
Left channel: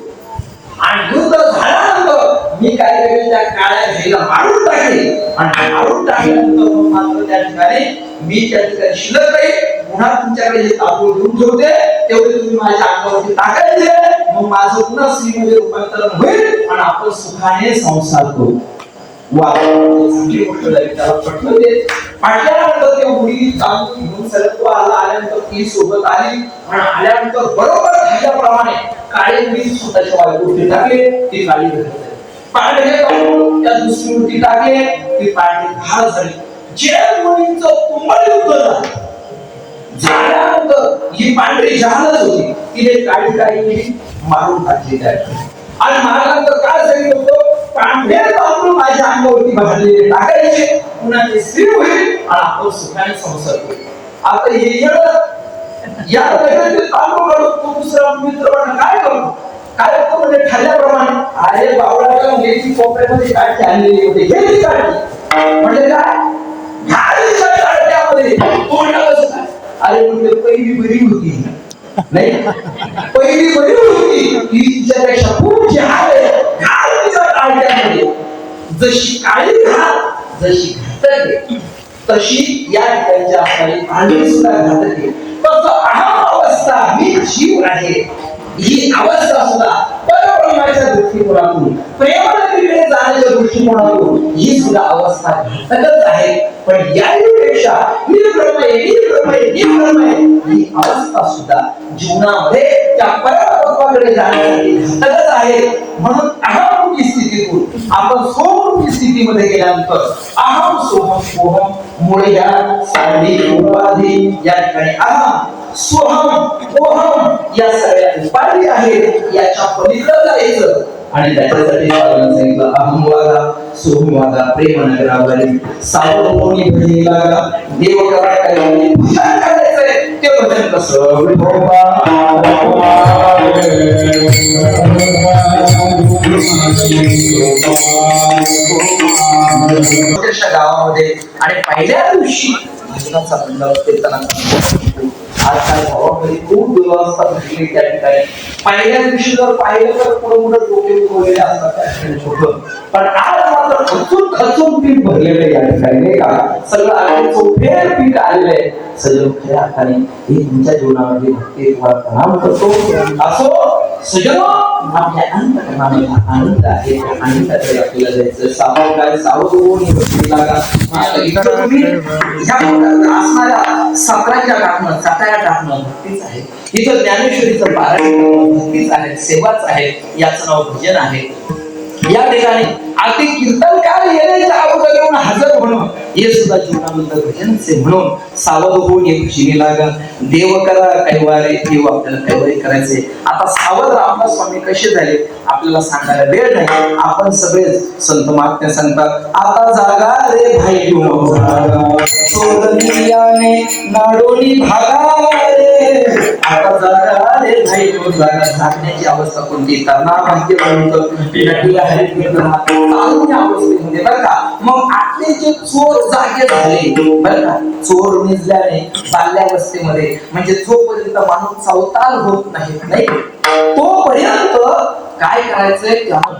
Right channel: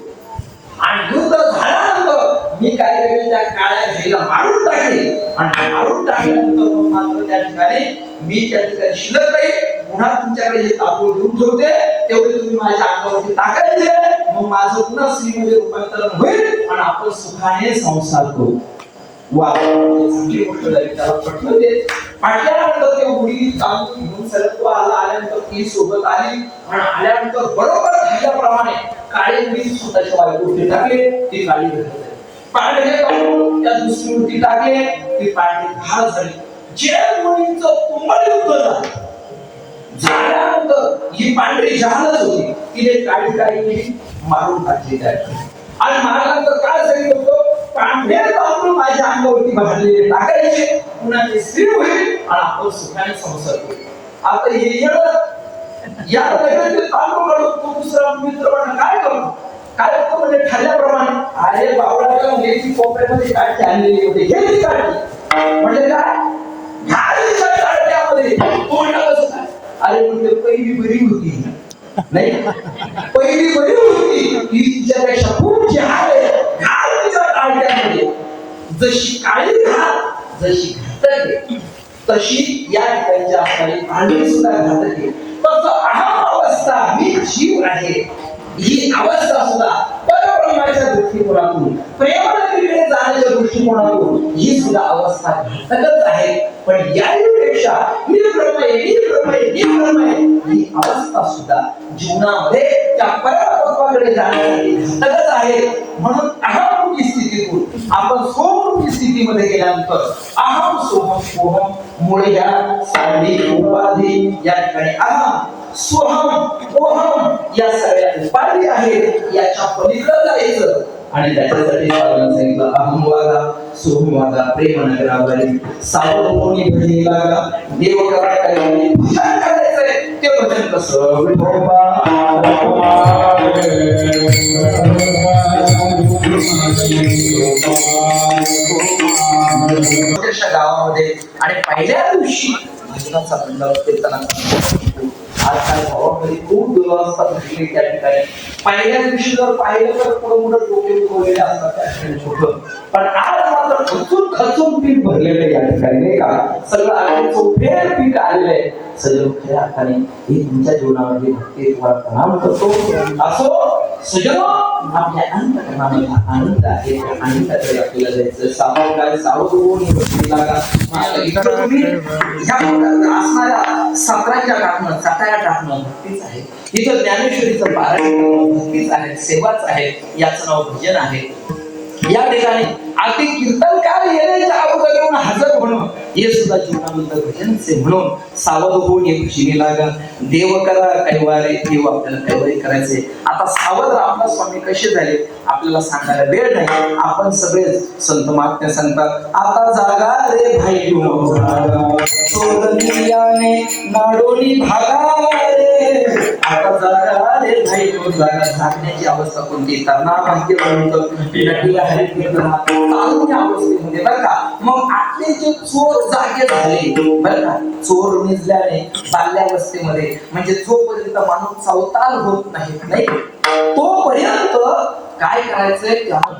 आणि युद्ध झाल्यानंतर मी काय करेन त्या काळ्या घाईला मारून टाकेन आणि मारून टाकल्यानंतर मात्र त्या ठिकाणी मी त्या ठिकाणी शिल्लक राहील पुन्हा तुमच्याकडे हे तांदूळ घेऊन ठेवते तेवढे तुम्ही माझ्या अंगावरती टाकायचे मग माझं पुन्हा स्त्रीमध्ये रूपांतरण होईल आणि आपण सुखाने संसार करू चांगली गोष्ट झाली त्याला पटलं ते पाटल्यानंतर ते मुली तांदूळ घेऊन सगळं तो आल्यानंतर ती सोबत आली आणि आल्यानंतर बरोबर ह्याच्याप्रमाणे काळी मुली स्वतःच्या बायकोवरती टाकले ती काळी घालते पांढरे तांदूळ त्या दुसरी वरती टाकले ती पांढरी घाल झाली जे मुलींचं कुंभळ युद्ध झाल्यानंतर ही पांढरी जहालच होती तिने काळी मारून टाकली त्या आणि मारल्यानंतर काय सांगितलं होतं पांढरे तांदूळ माझ्या अंगावरती भाजलेले टाकायचे पुन्हा ते स्थिर होईल आणि आपण सुखाने संसार करू आता हे या प्रकारचे तांदूळ काढून तो दुसरा मित्र काय करतो काय होतं म्हणजे ठरल्याप्रमाणे अरे बावळाला मुलीची कोपऱ्यामध्ये काढते आणलेली होती हे काढते म्हणजे काय काढत्यामध्ये अरे म्हणजे पहिली बरी होती नाही पहिली बरी होती ही तिच्यापेक्षा खूप घाल तिच्या काढत्यामध्ये जशी काळी घाल जशी घातक तशी या ठिकाणच्या असणारी पांढरी सुद्धा घातक तसं अहम अवस्था मी जीव आहे ही अवस्था सुद्धा परब्रह्माच्या दृष्टिकोनातून प्रेमाकडे जाण्याच्या दृष्टिकोनातून ही सुद्धा अवस्था घातकच आहे पण यापेक्षा मी ब्रह्म आहे ही अवस्था सुद्धा जीवनामध्ये त्या परब्रह्माकडे जाण्यासाठी घातकच आहे म्हणून अहमरूपी स्थितीतून आपण सोमरूपी स्थितीमध्ये गेल्यानंतर अहम सोहम सोहम मुळे या साधी उपाधी या ठिकाणी अहम सोहम ओहम या सगळ्या उपाधी आहेत याच्या पलीकडे जायचं आणि त्याच्यासाठी सांगितलं अहम वागा सोहम वागा प्रेम नगरावरी सावधोनी भजनी लागा देव करा काही भजन करायचंय ते भजन कसं गावामध्ये आणि पहिल्या दिवशी भजनाचा मंडळ कीर्तना आज काय भावामध्ये खूप दुर्वस्था घडली त्या ठिकाणी पहिल्या दिवशी जर पाहिलं तर पुढे डोके उगवलेले असतात त्या ठिकाणी छोटं पण आज मात्र खचून पीठ भरलेलं या ठिकाणी नाही का सगळं अगदी चौफेर पीठ आलेलं आहे सजग खऱ्या अर्थाने हे तुमच्या जीवनामध्ये भक्ती तुम्हाला प्रणाम करतो असो सजग आपल्या अंतःकरणामध्ये आनंद आहे आनंदाकडे आपल्याला जायचं सावध काय सावध होऊन लागा इथं तुम्ही ह्या असणाऱ्या साताऱ्याच्या टाकणं चाटाया टाकणं भक्तीच आहे इथं ज्ञानेश्वरीचं पारायण भक्तीच आहे सेवाच आहे याचं नाव भजन आहे या ठिकाणी अगदी कीर्तनकार येण्याच्या अगोदर येऊन हजर होणं हे सुद्धा जीवनामध्ये भजनचे म्हणून सावध होऊन एक भजनी लागा देव करा कैवारे देव आपल्याला कैवारे करायचे आता सावध रामदास स्वामी कसे झाले आपल्याला सांगायला वेळ नाही आपण सगळे संत महात्मे सांगतात आता जागा रे भाई सोडनियाने नाडोली भागा रे आता जागा रे भाई जागा झाकण्याची अवस्था कोणती तरणा माहिती म्हणतो अवस्थेमध्ये बरं का मग आपले जे चोर जागे झाले बरं का चोर निजल्याने बाल्यावस्थेमध्ये म्हणजे जोपर्यंत माणूस चौताल होत नाही तोपर्यंत काय करायचंय त्याला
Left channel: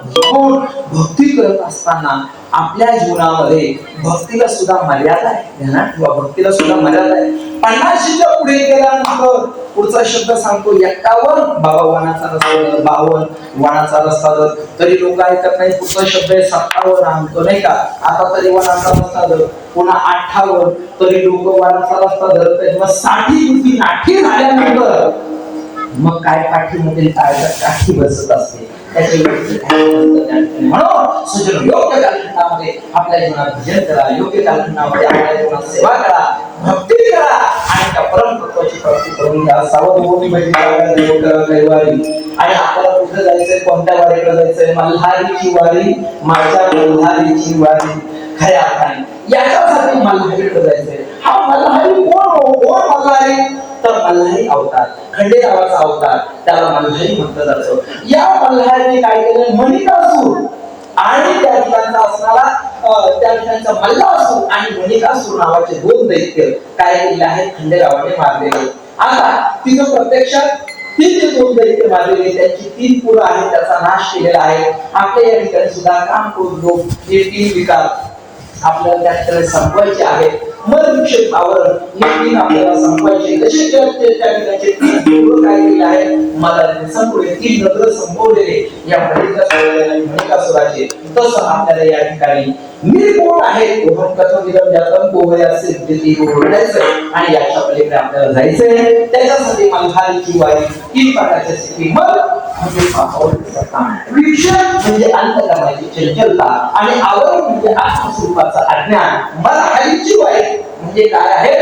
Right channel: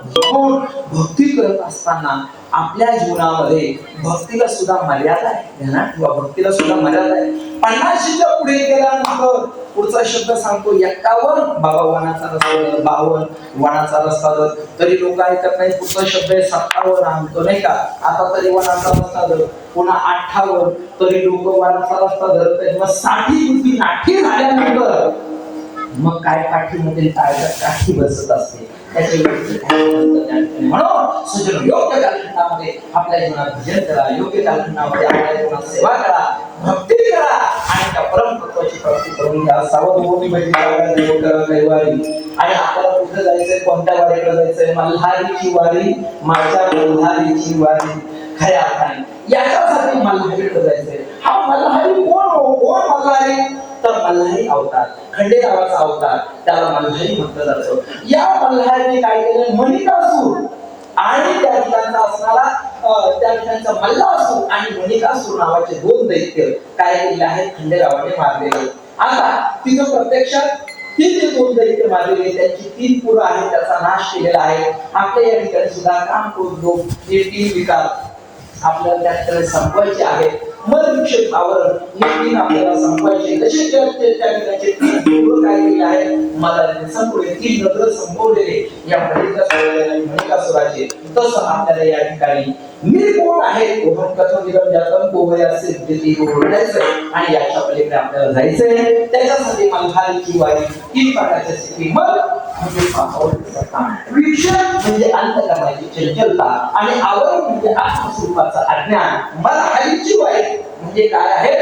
भक्ती करत असताना आपल्या जीवनामध्ये भक्तीला सुद्धा मर्यादा आहे ध्यानात ठेवा भक्तीला सुद्धा मर्यादा आहे 50च्या पुढे गेल्यानंतर पुढचा शब्द सांगतो 51. बाबा वनाचा रस्ता 52 वनाचा रस्ता जर तरी लोक ऐकत नाही. पुढचा शब्द आहे 57 आणतो नाही का. आता तरी वनाचा रस्ता जर पुन्हा 58 तरी लोक वनाचा रस्ता धरतात. मग 60 नाठी झाल्यानंतर मग काय काठीमध्ये काय काठी बसत असते म्हणून सुजन योग्य कालखंडामध्ये आपल्या जीवनात भजन करा, योग्य कालखंडामध्ये आपल्या जीवनात सेवा करा, भक्ती करा आणि त्या परमतत्वाची प्राप्ती करून घ्या. सावधभूमी कैवारी आणि आपल्याला कुठे जायचंय, कोणत्या वारीकडे जायचंय? मल्हारीची वारी, माझ्या मल्हारीची वारी. खऱ्या अर्थाने याच्यासाठी मल्हारीकडे जायचंय. हा मल्हारी कोण मल्हारी? तर मल्हारी अवतार, खंडेरावाचा अवतार, त्याला मल्हारी म्हटलं जातं. या मल्हारीने काय केलं? मणिकासूर आणि त्या ठिकाणचा असणारा त्या ठिकाणचा मल्लासूर आणि मणिकासूर नावाचे 2 दैत्य काय केले आहेत? खंडेरावाने मारलेले. आता तिथं प्रत्यक्षात ती जे 2 दैत्य मारलेले त्यांची 3 पुरं आहेत, त्याचा नाश केलेला आहे. आपल्या या ठिकाणी सुद्धा काम करून लोक हे 3 विकार आपल्याला त्या ठिकाणी संपवायचे आहेत. मधविक्षेप आवरण हे 3 आपल्याला संपवायचे. कसे त्या ठिकाणचे 3 पूर्व काय केले आहे? मला संपवले, 3 नगर संपवलेले या मणिकासुराचे. तसं आपल्याला या ठिकाणी मी कोण आहे आणि याच्या पलीकडे आपल्याला जायचंय. त्याच्यासाठी मल्हारीची वारी 3 प्रकारच्या स्थिती. मग विक्षेप म्हणजे अंतःकरणाची चंचलता आणि आवरण म्हणजे आत्मस्वरूपाचं अज्ञान. मल्हारीची वारी म्हणजे काय आहे?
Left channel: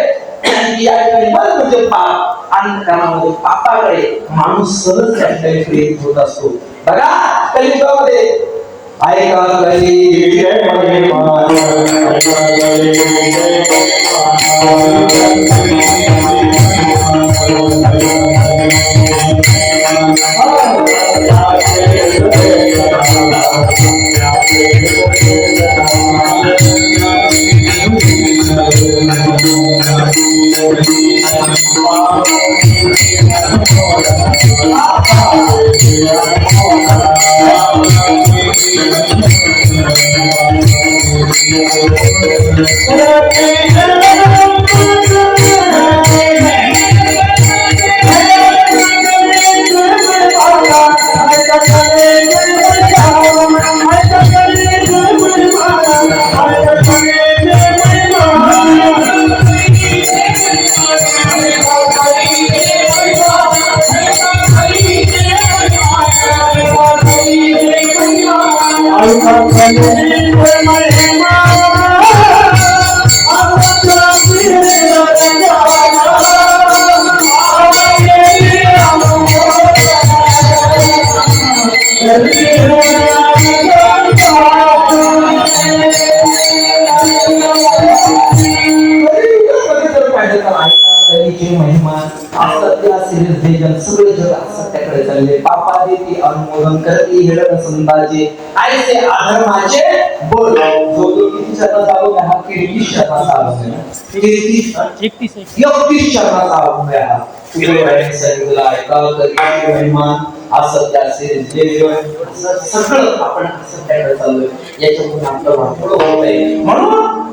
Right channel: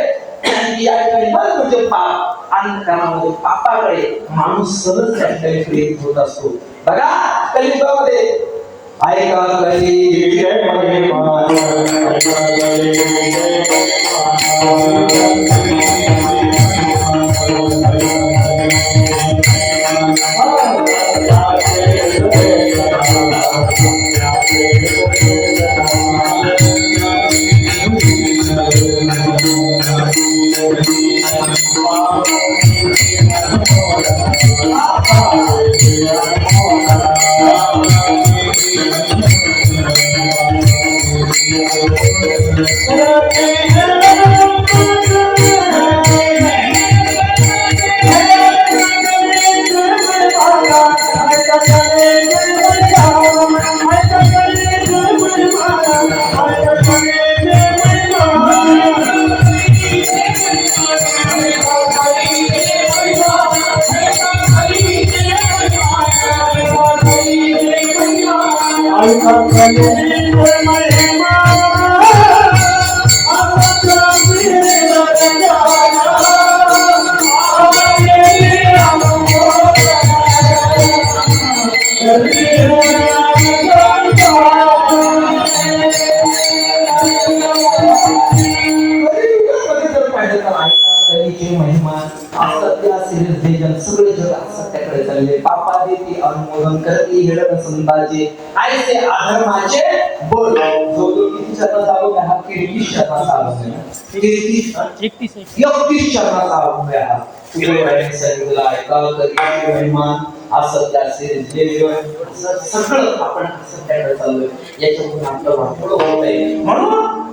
या ठिकाणी मन म्हणजे पाप, अंतःकरणामध्ये पापाकडे माणूस सहज त्या ठिकाणी प्रेरित होत असतो. बघा कलियुगामध्ये ऐका ऐसे अधर्माचे बोल जो किती शब्दाचा बोल हा 31 शब्दाचा बोल 31 शब्दाचा बोल हा तुझ्या सांगितलं ऐकाल तर महिमान असत्याचे जे सगळं आपण असत्याकडे चाललोय. याच्यातून आपलं वाटोळं होत आहे. म्हणून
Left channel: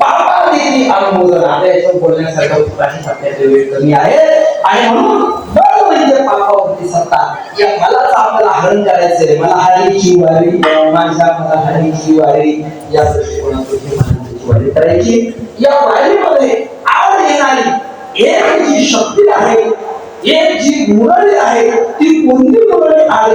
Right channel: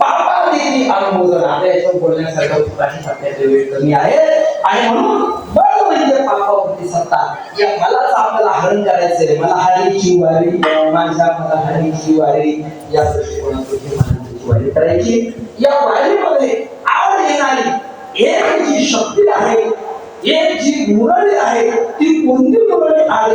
पापादेवी अनुमोदन आता याच्यावर बोलण्यासारखं काही आपल्याकडे वेळ कमी आहे. आणि म्हणून बळ म्हणजे पापावरती सत्ता. या मलाच आपल्याला हरण करायचंय. मला हरीची वारी, माझ्या मला हरीची वारी या दृष्टिकोनातून वारी करायची. या वारीमध्ये आवड येणारी एक जी शक्ती आहे, एक जी मुरळी आहे, ती कोणती मुरळी आहे?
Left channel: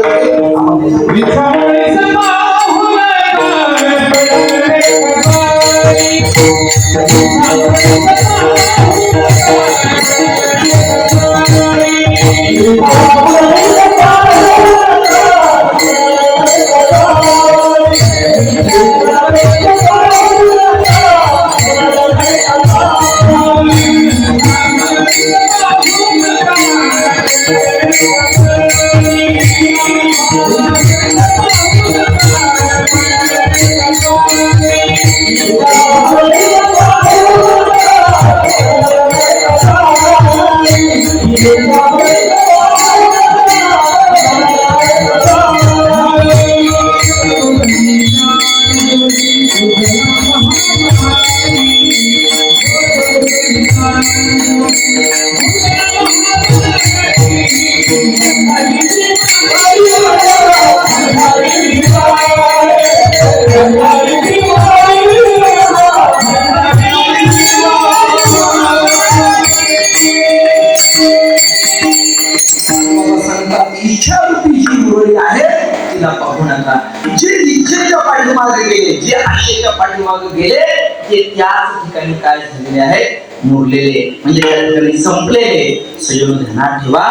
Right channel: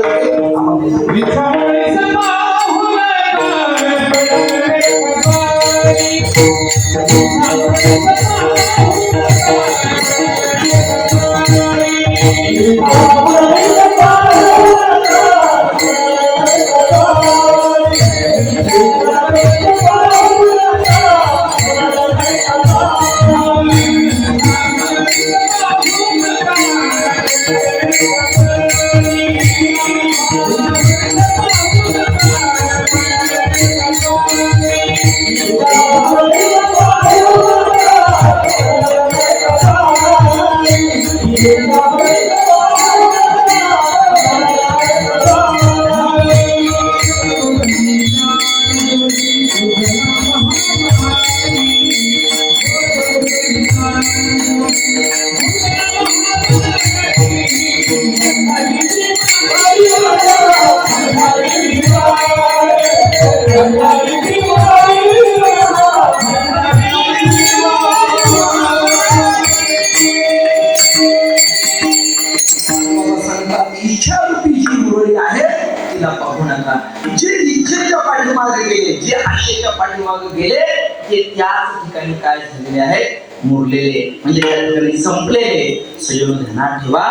पाठीमागे गेले ते त्याच ठिकाणी काय झालेले आहे, मुरलेले, म्हणजे त्या ठिकाणी संपलेले. सजून ध्यानात ठेवा,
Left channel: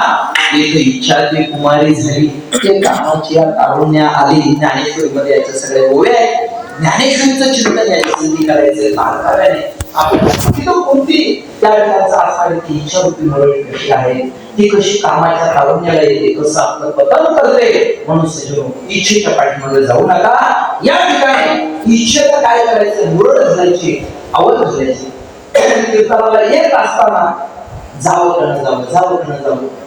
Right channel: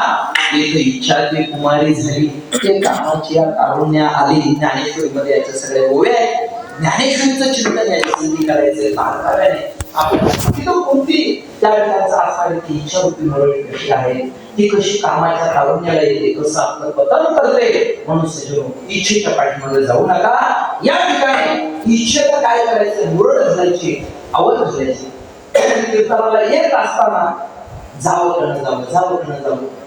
एक इच्छा ती कुमारी झाली, ते कामाची कारुण्या आली. ज्ञानेश्वरीमध्ये याचे सगळे ओळे आहेत. ज्ञानेश्वरीचं चिंतन याची संधी करायचं बारकाव्याने. आपण कोणती त्या ठिकाणचा आसपास ती इच्छा होती मिळवली कशी आहे, ती कशी कामाच्या कारुण्याला येते, कसं आपलं पतन करते. म्हणून सजून इच्छेच्या पाठीमागे जाऊ नका. या ठिकाणी इच्छेला काय करायचं, मुरड घालायची, आवड घालायची. कीर्तनाला येत असताना जावं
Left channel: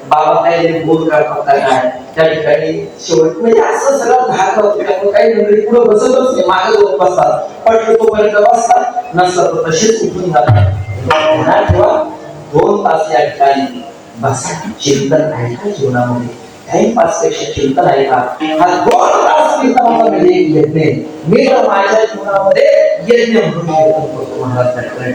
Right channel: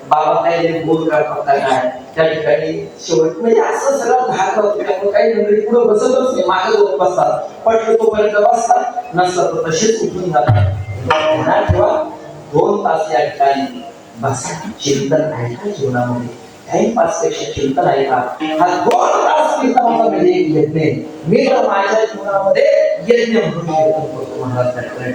बाबा काय बोल करतात काय त्या ठिकाणी शेवट म्हणजे असं सगळं धाक होतं. त्यामुळे काही मंडळी पुढे बसतच नाही, मागे जाऊन बसतात, पटलं तोपर्यंत बसतात, नसतात तर तसेच उठून जातात. ठेवा 2 तास या ठिकाणी बसा, चिंतन आहे का जीवनामध्ये, टाइमपास पेक्षा चिंतन आहे का. हा 2 तास कीर्तनामध्ये एक यज्ञ. मी तर माझ्या जीवनामध्ये यज्ञ म्हणून कीर्तन करतो महाराज,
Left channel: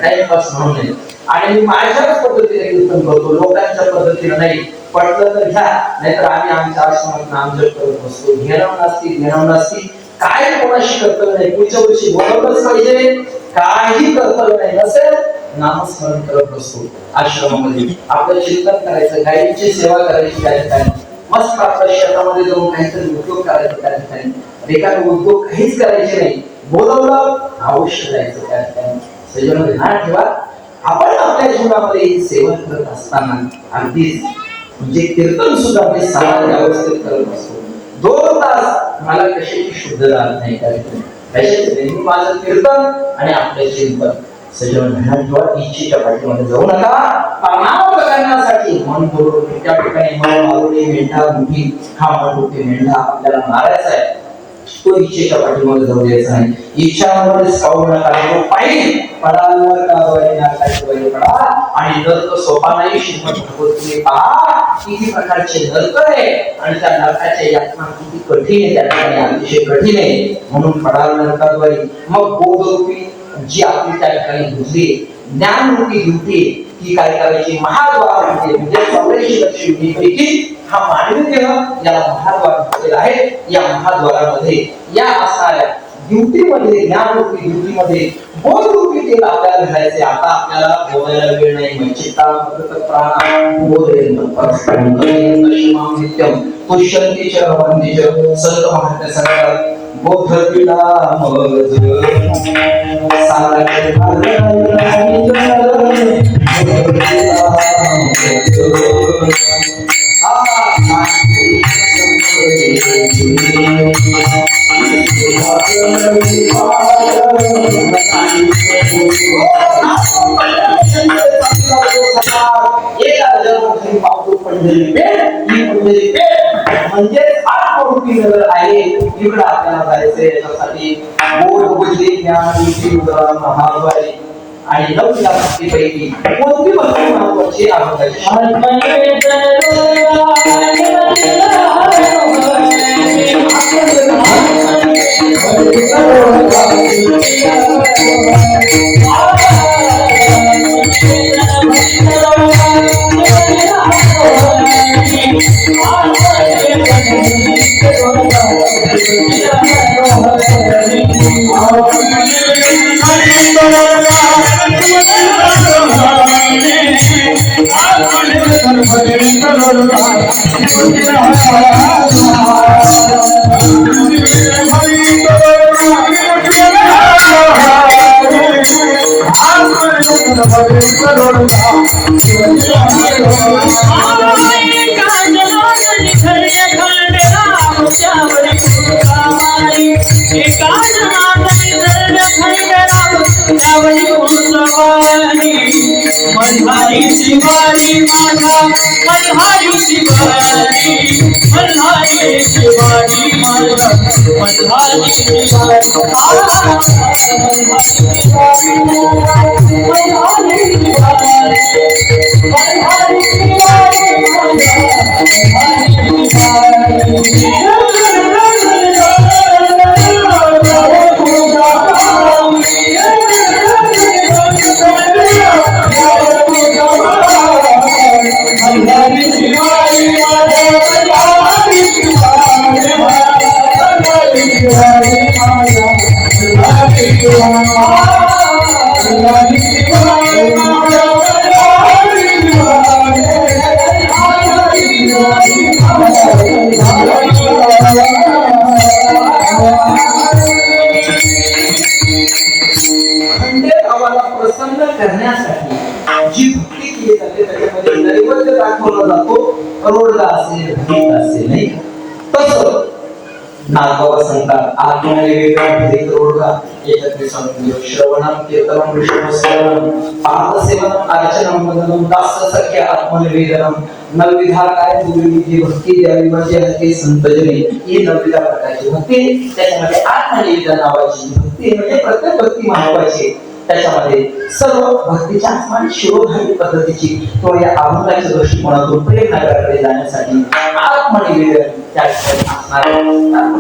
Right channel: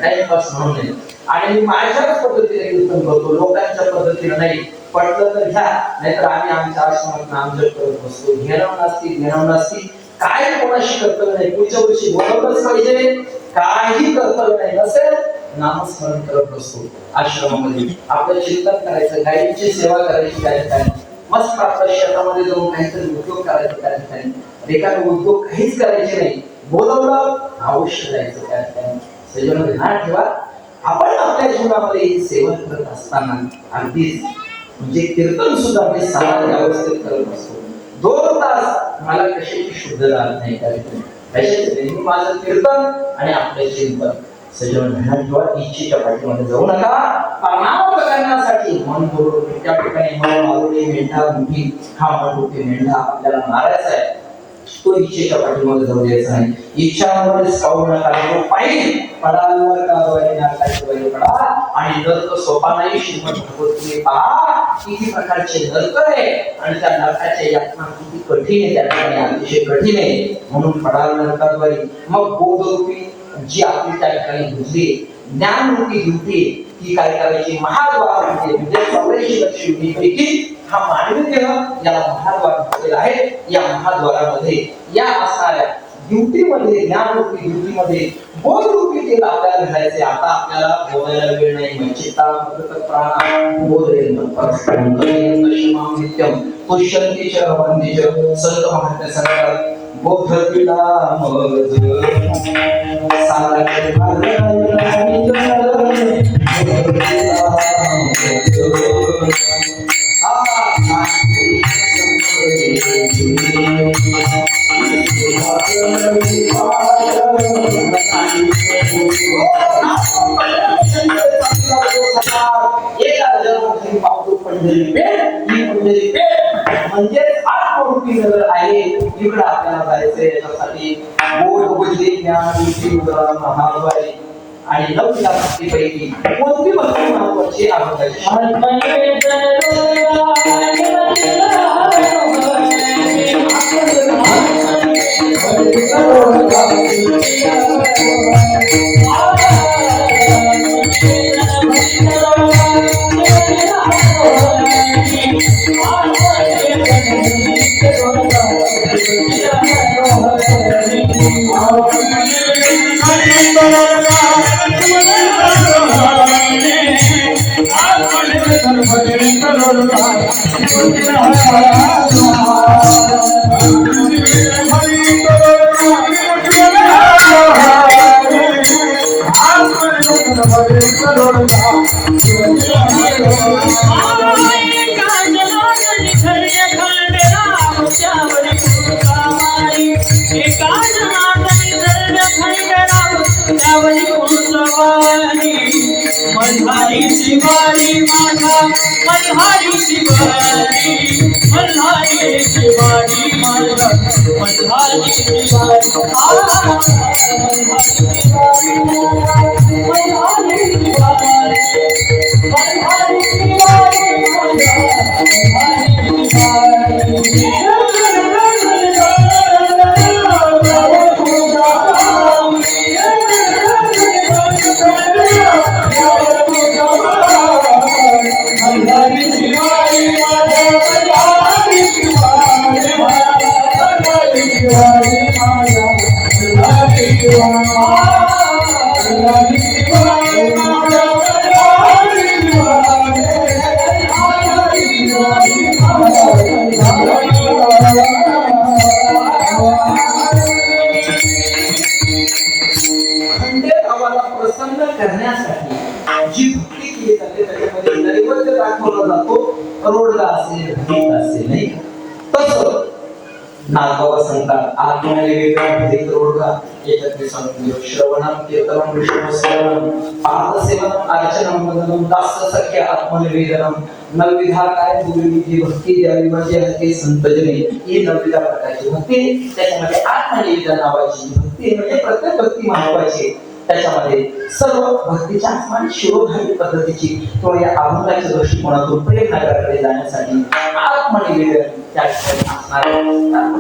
टाइमपास म्हणून नाही. आणि मी माझ्याच पद्धतीने कीर्तन करतो, लोकांच्या पद्धतीने नाही. पटलं तर घ्या, नाहीतर आम्ही आमच्या आश्रमात नामजप करत बसतो. घेणं नसती काय कोणाशी कर्तव्य नाही. पुढच्या वर्षी बोलवलंच पाहिजे, काही कर्तव्य नाही नसेल, नामस्मरण करत बसतो आश्रमामध्ये. आपलं चिंतन करायचं, गायीची सेवा करायची त्या ठिकाणी, मस्त आपल्या शहरामध्ये जाऊन काहीतरी उद्योग करायचे त्या ठिकाणी. एखादा उद्योग काहीच करायचे नाही, बोलवलं अवश्य जायचं त्या ठिकाणी. सजन ध्यान ठेवा, आपण आपल्या जीवनामध्ये सेवन करत असताना अगदीच म्हणजे कीर्तन सुद्धा आपण सामान्य अवस्थेत करत असतो. 2 तास मला कशाची शुद्ध राहत नाही त्या ठिकाणी. माझं कीर्तन आणि आपले चिंतन. सजन ध्यान ठेवा, इच्छेच्या पाठीमध्ये जाऊ नका. नाम करण्यासाठी मन बरोबर त्या ठिकाणी मन मारुनी मेंढा मुठी, हा मारुनी मेंढा आपल्याला मारायचा आहे, तो इच्छेच्या पाठीमागे जाऊ द्यायचा नाही. इच्छामध्ये सावू नका, पाहिजे पडावर कावडी नाकाची वय पडा. आणि नर्क सोपा नाही. श्रीमद भागवत तुम्ही पहा किती प्रकारचे नर्क आहे आणि त्या नरकाच्या यातना किती कठीण आहे, त्या ठिकाणी अतिशय कठीण आहे. म्हणून पडावर नरकाद्वारी मग बोधरूपी जी आपली त्या ठिकाणी बुद्धी ज्ञानरूपी ड्युटी ती काय करायची, महाद्वार म्हणजे 84 लक्ष युनिटपैकी हा मानवी देह याला महाद्वार म्हटलेला आहे. या महाद्वारामध्ये या असा ड्युटीमध्ये, ज्ञानरूपी ड्युटीमध्ये बोधरूपी तेल आपल्याला घालायचे. आता आपल्याला बोलायला वेळ नाही. चित्ता प्राण बोधेन परस्परं नित्यम पुष्यन्ति च वन्ति च संत महात्म्य सांगतात. बोधतीला मज सारखे म्हणजे आहे. इकडे आपल्याला जायचंय, याच्यासाठी बोध बुद्धी ज्ञान बुद्धी महाद्वारी आणि 9 पैकी कोणती वस्तू महत्वाची आहे. केली जाते त्याच्यामध्ये नैवेद्य दाखवला जातो रोडगा असेल गीत असेल नाही तसं नागबाबा सांगतात आत्मनिवेदन भेद रोडगा एकत्रित सांगतो श्रवणम कीर्तनम विष्णुस्मरणम पादसेवनम अर्चनम वंदनम दाससख्य आत्मनिवेदनम नवविधा काय गुरुविधी भक्ती द्यावी म्हणजे हे संतजनी ही नवविधा प्रकारची भक्ती त्याच्यामध्ये आत्मनिवेदन नावाची भक्ती म्हणजे प्रत्येक भक्ती महत्वाची त्याच्यामध्ये सर्व भक्तीच्या आणि शिरोधारी पद्धतीची किंवा या अभंगाच्या दृष्टिकोनातून प्रेरणाकडे जाण्यासाठी आत्मनिवेदन त्या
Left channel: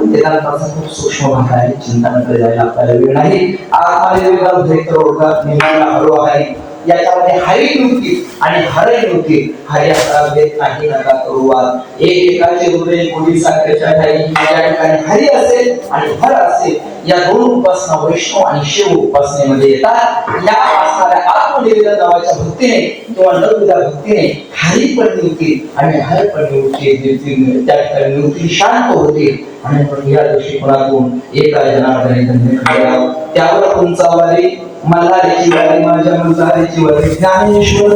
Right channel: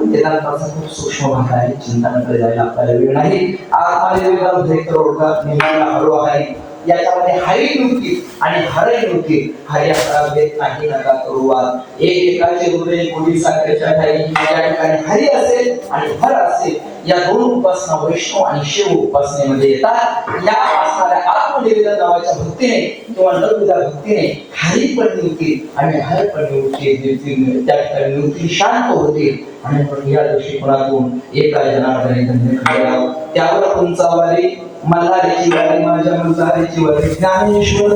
वेदांताचा खूप सूक्ष्म भाग आहे चिंतनाकडे जायला आपल्याला वेळ नाही आत्मनिवेदन भेट रोगात नेहमीला हळू आहे याच्यामध्ये हरी नियुक्ती आणि हरय नियुक्ती हर्याचा भेद नाही नका करूवात एकाचे हृदय कोणी साखरेच्या ठाई या ठिकाणी हरी असेल आणि हर असेल या दोन उपासना वैष्णव आणि शिव उपासनेमध्ये येतात या असणाऱ्या आत्मनिवेदन नावाच्या भक्तीने किंवा नवविधा भक्तीने हरी पण नियुक्ती आणि हर पण नियुक्ती त्या ठिकाणी नियुक्ती शांत होते आणि मग या दृष्टिकोनातून एका जनार्दने धन्य करावा त्यावर तुमचा वारी मल्हारीची वारी माझ्या मल्हारीची वारी ज्ञानेश्वर